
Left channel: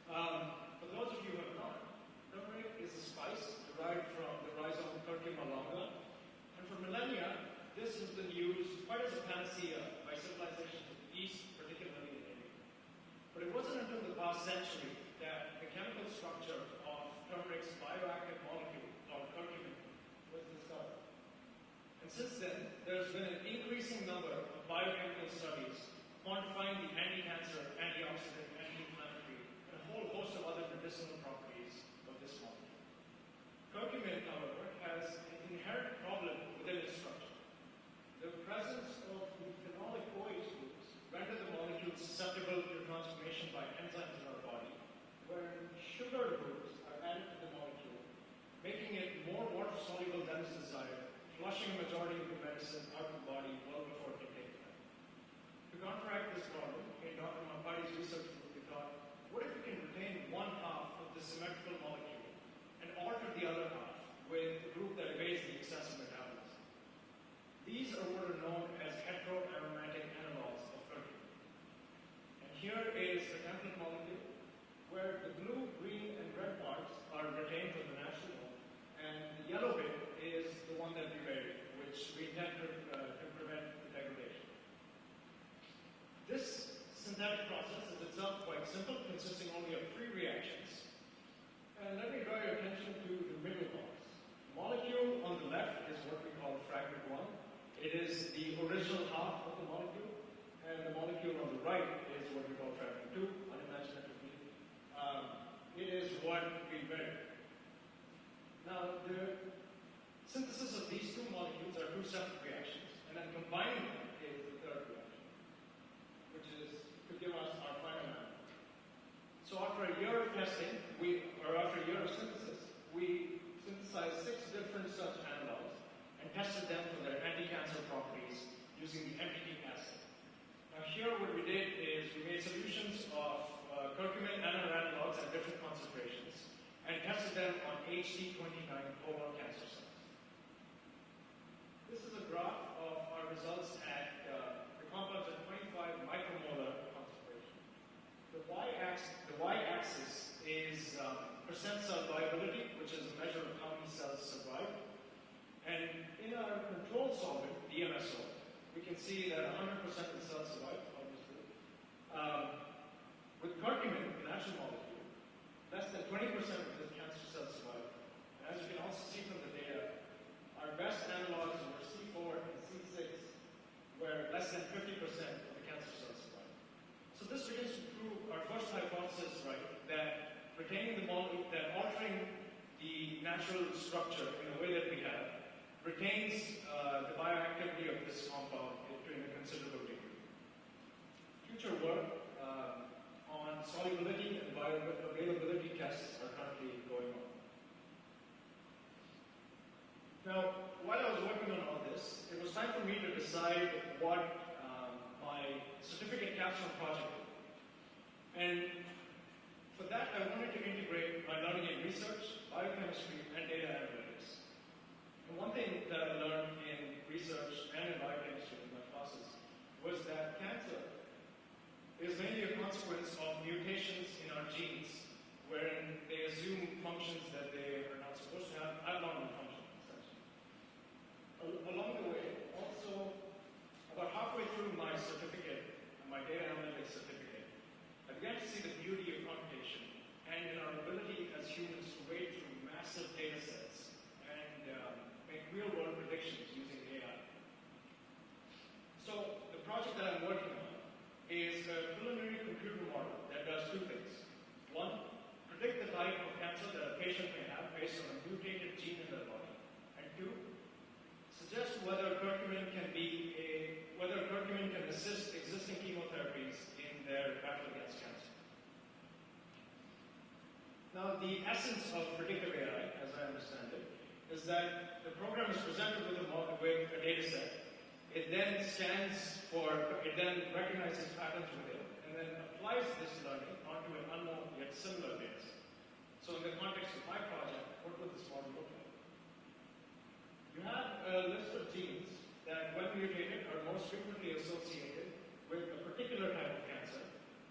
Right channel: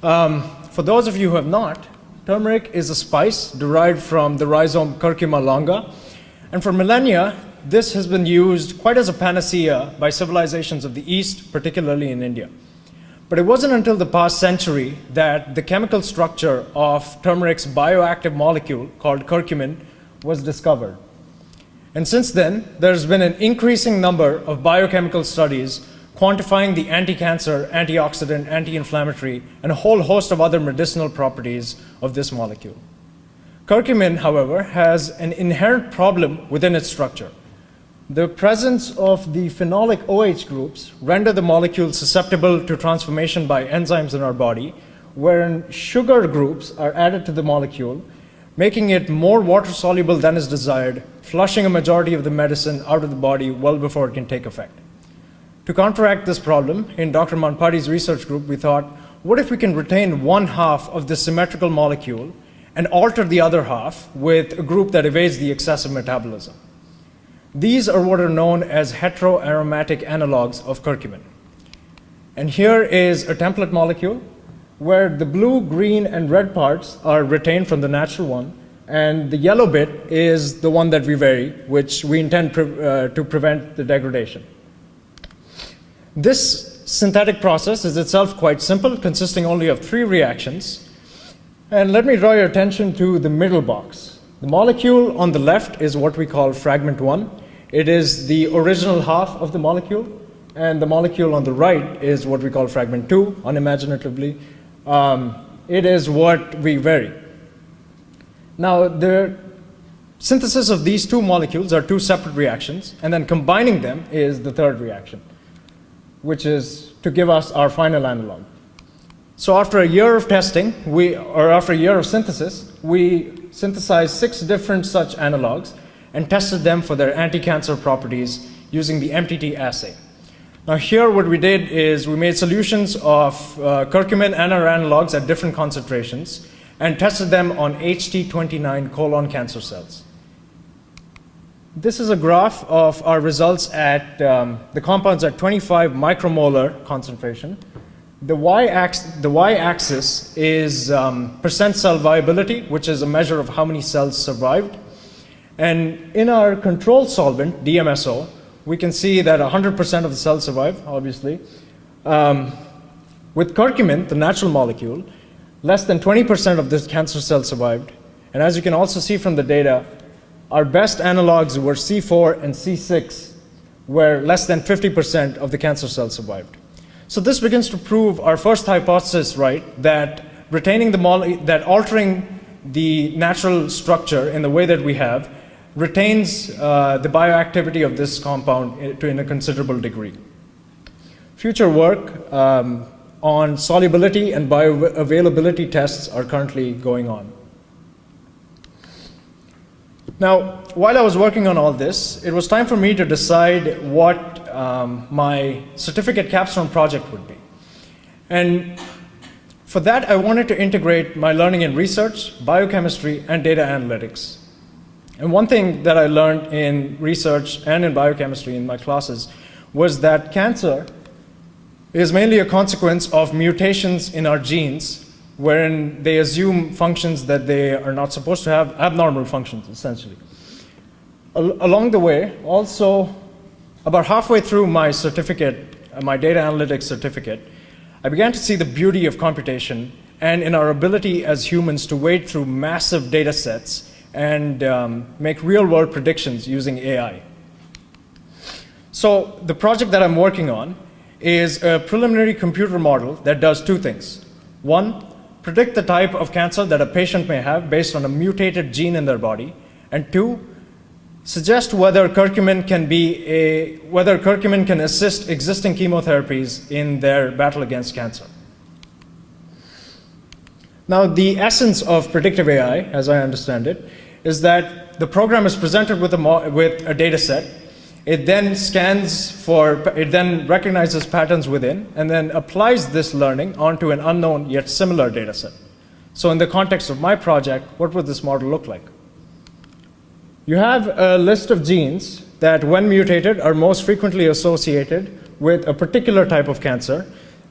For those of you who have not, turmeric is a spice derived from the rhizome Curcuma longa, and for millennia, this has been used quite as a panacea by civilizations of the East, particularly in India. But it wasn't until the past century that the chemical structure of turmeric's bioactive molecule, called curcumin, was discovered. And since then, there's been an increasing number of biochemical studies quantifying the anti-cancer, antioxidant, anti-inflammatory, and a whole host of other medicinal properties of this molecule. Curcumin, however, has an inherent problem within its structure. The presence of the phenolic OH groups render the molecule susceptible to transformation by enzymes in our body, wherein sugar groups are added to the molecule, making it more water-soluble than is desired, flushing a majority of the medicine out of the body well before it can take effect. To counteract this problem, in Dr. Manpadi's research group, we thought, what if we can retain one half of the symmetrical molecule and alter the other half with a group that evades the excessive metabolism? These are what are known as heteroaromatic analogs of curcumin. And here is a template molecule where the blue, green, and red parts are retained from the natural one, and the yellow bit is the one that we vary, which we intend to prevent the degradation. This synthetic process is itself quite simple, consisting only of 3 reactions. And let me draw your attention to the middle box. The molecule on the left is what we call fragment 1. It is the original half of the molecule, and the molecule on the right is what we call fragment 2, unimaginatively. It is what we vary. Now, the synthesis of these 2 molecules are 2 separate reactions, and then combining them is the third reaction, which is to give us our final analog. So after a year of testing, after a year of synthesis, we synthesized 6 different such analogs and tested them for their anti-cancer properties using the MTT assay. Now here what we did is we made solutions of curcumin and our analogs at different concentrations and tested them on HT29 colon cancer cells. This is a graph of our results at the compounds at 25 micromolar concentration. The y-axis is percent cell viability, which is a measure of how many cells survived. And in our control solvent, DMSO, we can see that 100% of the cells survive, obviously. With curcumin, the natural molecule, less than 20% of this cancer cells survived. And as you can also see from the data, our best analogs were C4 and C6, where less than 50% of the cancer cells survived. So this begins to prove our first hypothesis right, that that altering the natural structure in the way that we have retains the bioactivity of this compound in a considerable degree. Future work on solubility and bioavailability tests are currently going on. Now, while I was working on all this, it was time for me to decide what my certificate capstone project would be. And for that, I wanted to integrate my learning in research, biochemistry, and data analytics. And one thing that I learned in research and in biochemistry in my classes was that cancer is mainly a consequence of mutations in our genes wherein they assume functions that they are not supposed to have, abnormal functions, essentially. Along the way, also, about halfway through my certificate, my data analytics certificate, I began to see the beauty of computation and in our ability as humans to wade through massive data sets and make real-world predictions using AI. So the project that I'm working on is a preliminary computer model that does 2 things. 1, predict the type of cancer that a patient may have based on a mutated gene in their body, and 2, suggest whether curcumin can assist existing chemotherapies in their battle against cancer. Now, the essence of predictive AI, as I understand it, is that the program is presented with a data set. It then it then recognizes patterns within, and then applies this learning onto an unknown yet similar data set. So in the context of my project, what would this model look like? You have a list of genes that, when mutated, are most frequently associated with a particular type of cancer.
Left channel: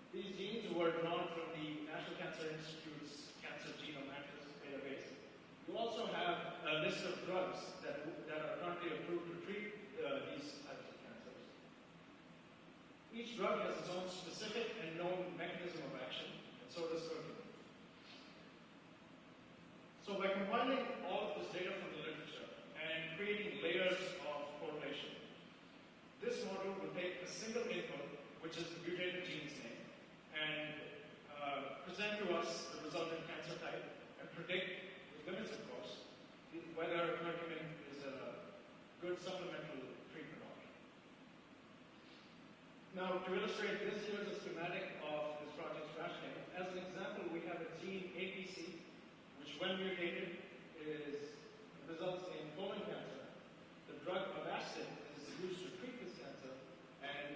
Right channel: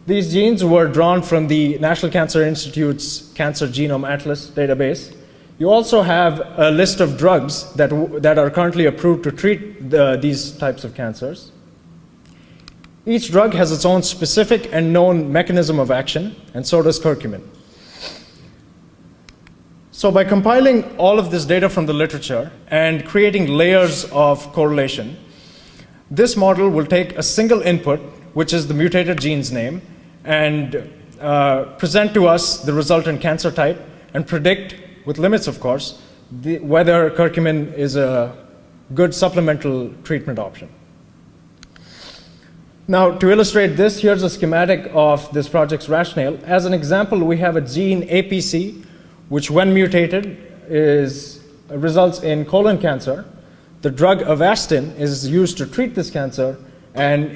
These genes were drawn from the National Cancer Institute's Cancer Genome Atlas database. You also have a list of drugs that are currently approved to treat these types of cancers. Each drug has its own specific and known mechanism of action, and so does curcumin. So by compiling all of this data from the literature and creating layers of correlation, this model will take a single input, which is the mutated gene's name, and present to us the resultant cancer type and predict, with limits of course, whether curcumin is a good supplemental treatment option. Now, to illustrate this, here's a schematic of this project's rationale. As an example, we have a gene APC, which when mutated results in colon cancer. The drug Avastin is used to treat this cancer, and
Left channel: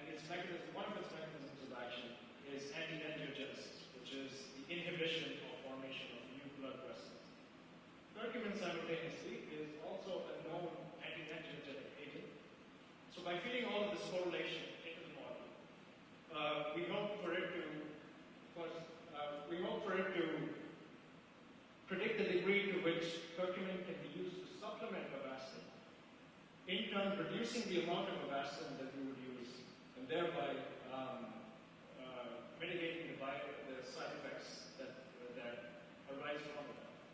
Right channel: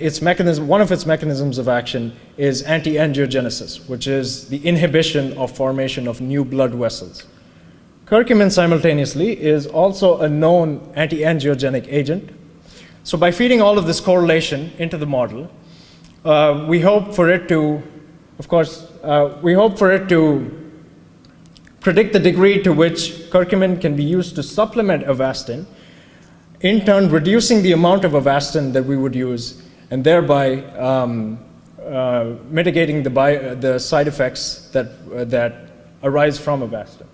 one of its mechanisms of action is anti-angiogenesis, which is the inhibition of formation of new blood vessels. Curcumin simultaneously is also a known anti-angiogenic agent. So by feeding all of this correlation into the model, we hope for it to predict the degree to which curcumin can be used to supplement Avastin, in turn reducing the amount of Avastin that we would use, and thereby mitigating the side effects that arise from Avastin.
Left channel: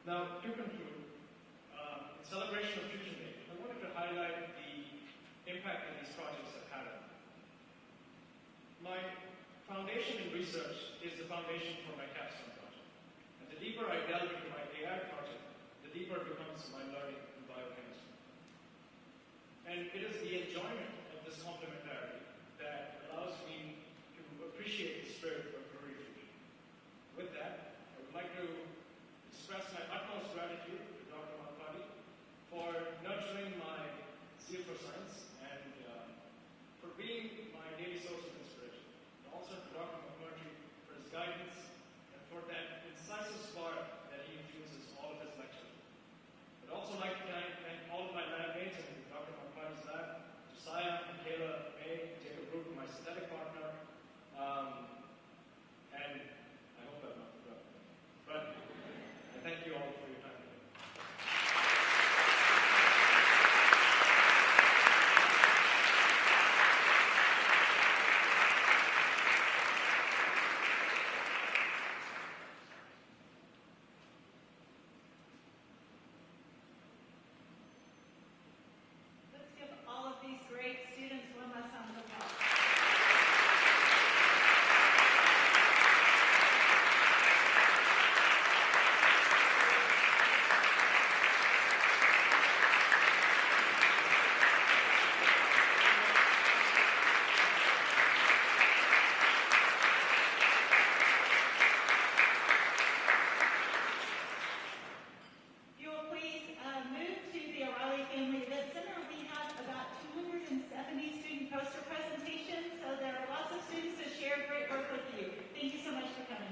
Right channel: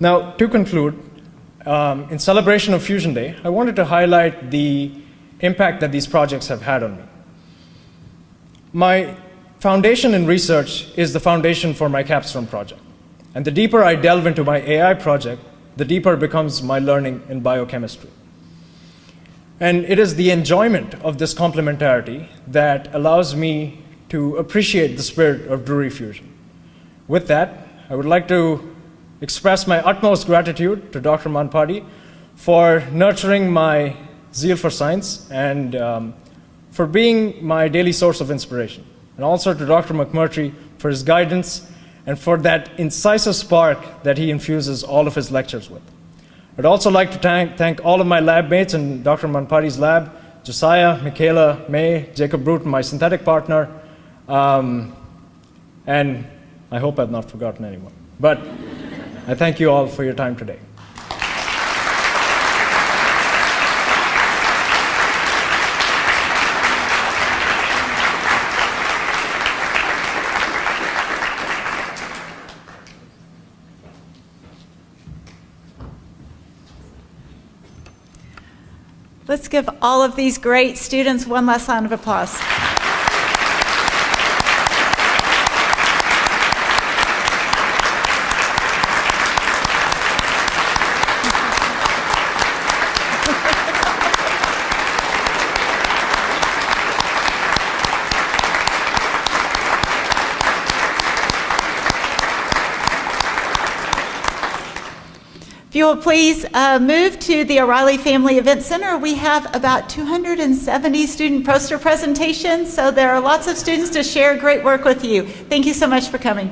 Now, to conclude, in celebration of Fusion Day, I wanted to highlight the impact that these projects have had on me. My foundation in research is the foundation for my capstone project. And the deeper I delve into my AI project, the deeper becomes my learning in biochemistry. And it is the enjoyment of this complementarity that allows me to appreciate the spirit of Drury Fusion. With that, I would like to express my utmost gratitude to Dr. Manpadi for nurturing my zeal for science and for being my daily source of inspiration. And also to Dr. McMurtry for his guidance and for that incisive spark that he infuses all of his lectures with. I'd also like to thank all of my lab mates in Dr. Manpadi's lab, Josiah, Michaela, May, Jacob Bruton, my synthetic partner, and I hope I've not forgotten anyone. But I thank you all for your time today. Let's give all of these great students one last round of applause. If you will please move to the O'Reilly Family Event Center. We have about 270 student poster presentations, so there are lots of students to share great work with you. Thank you so much for coming.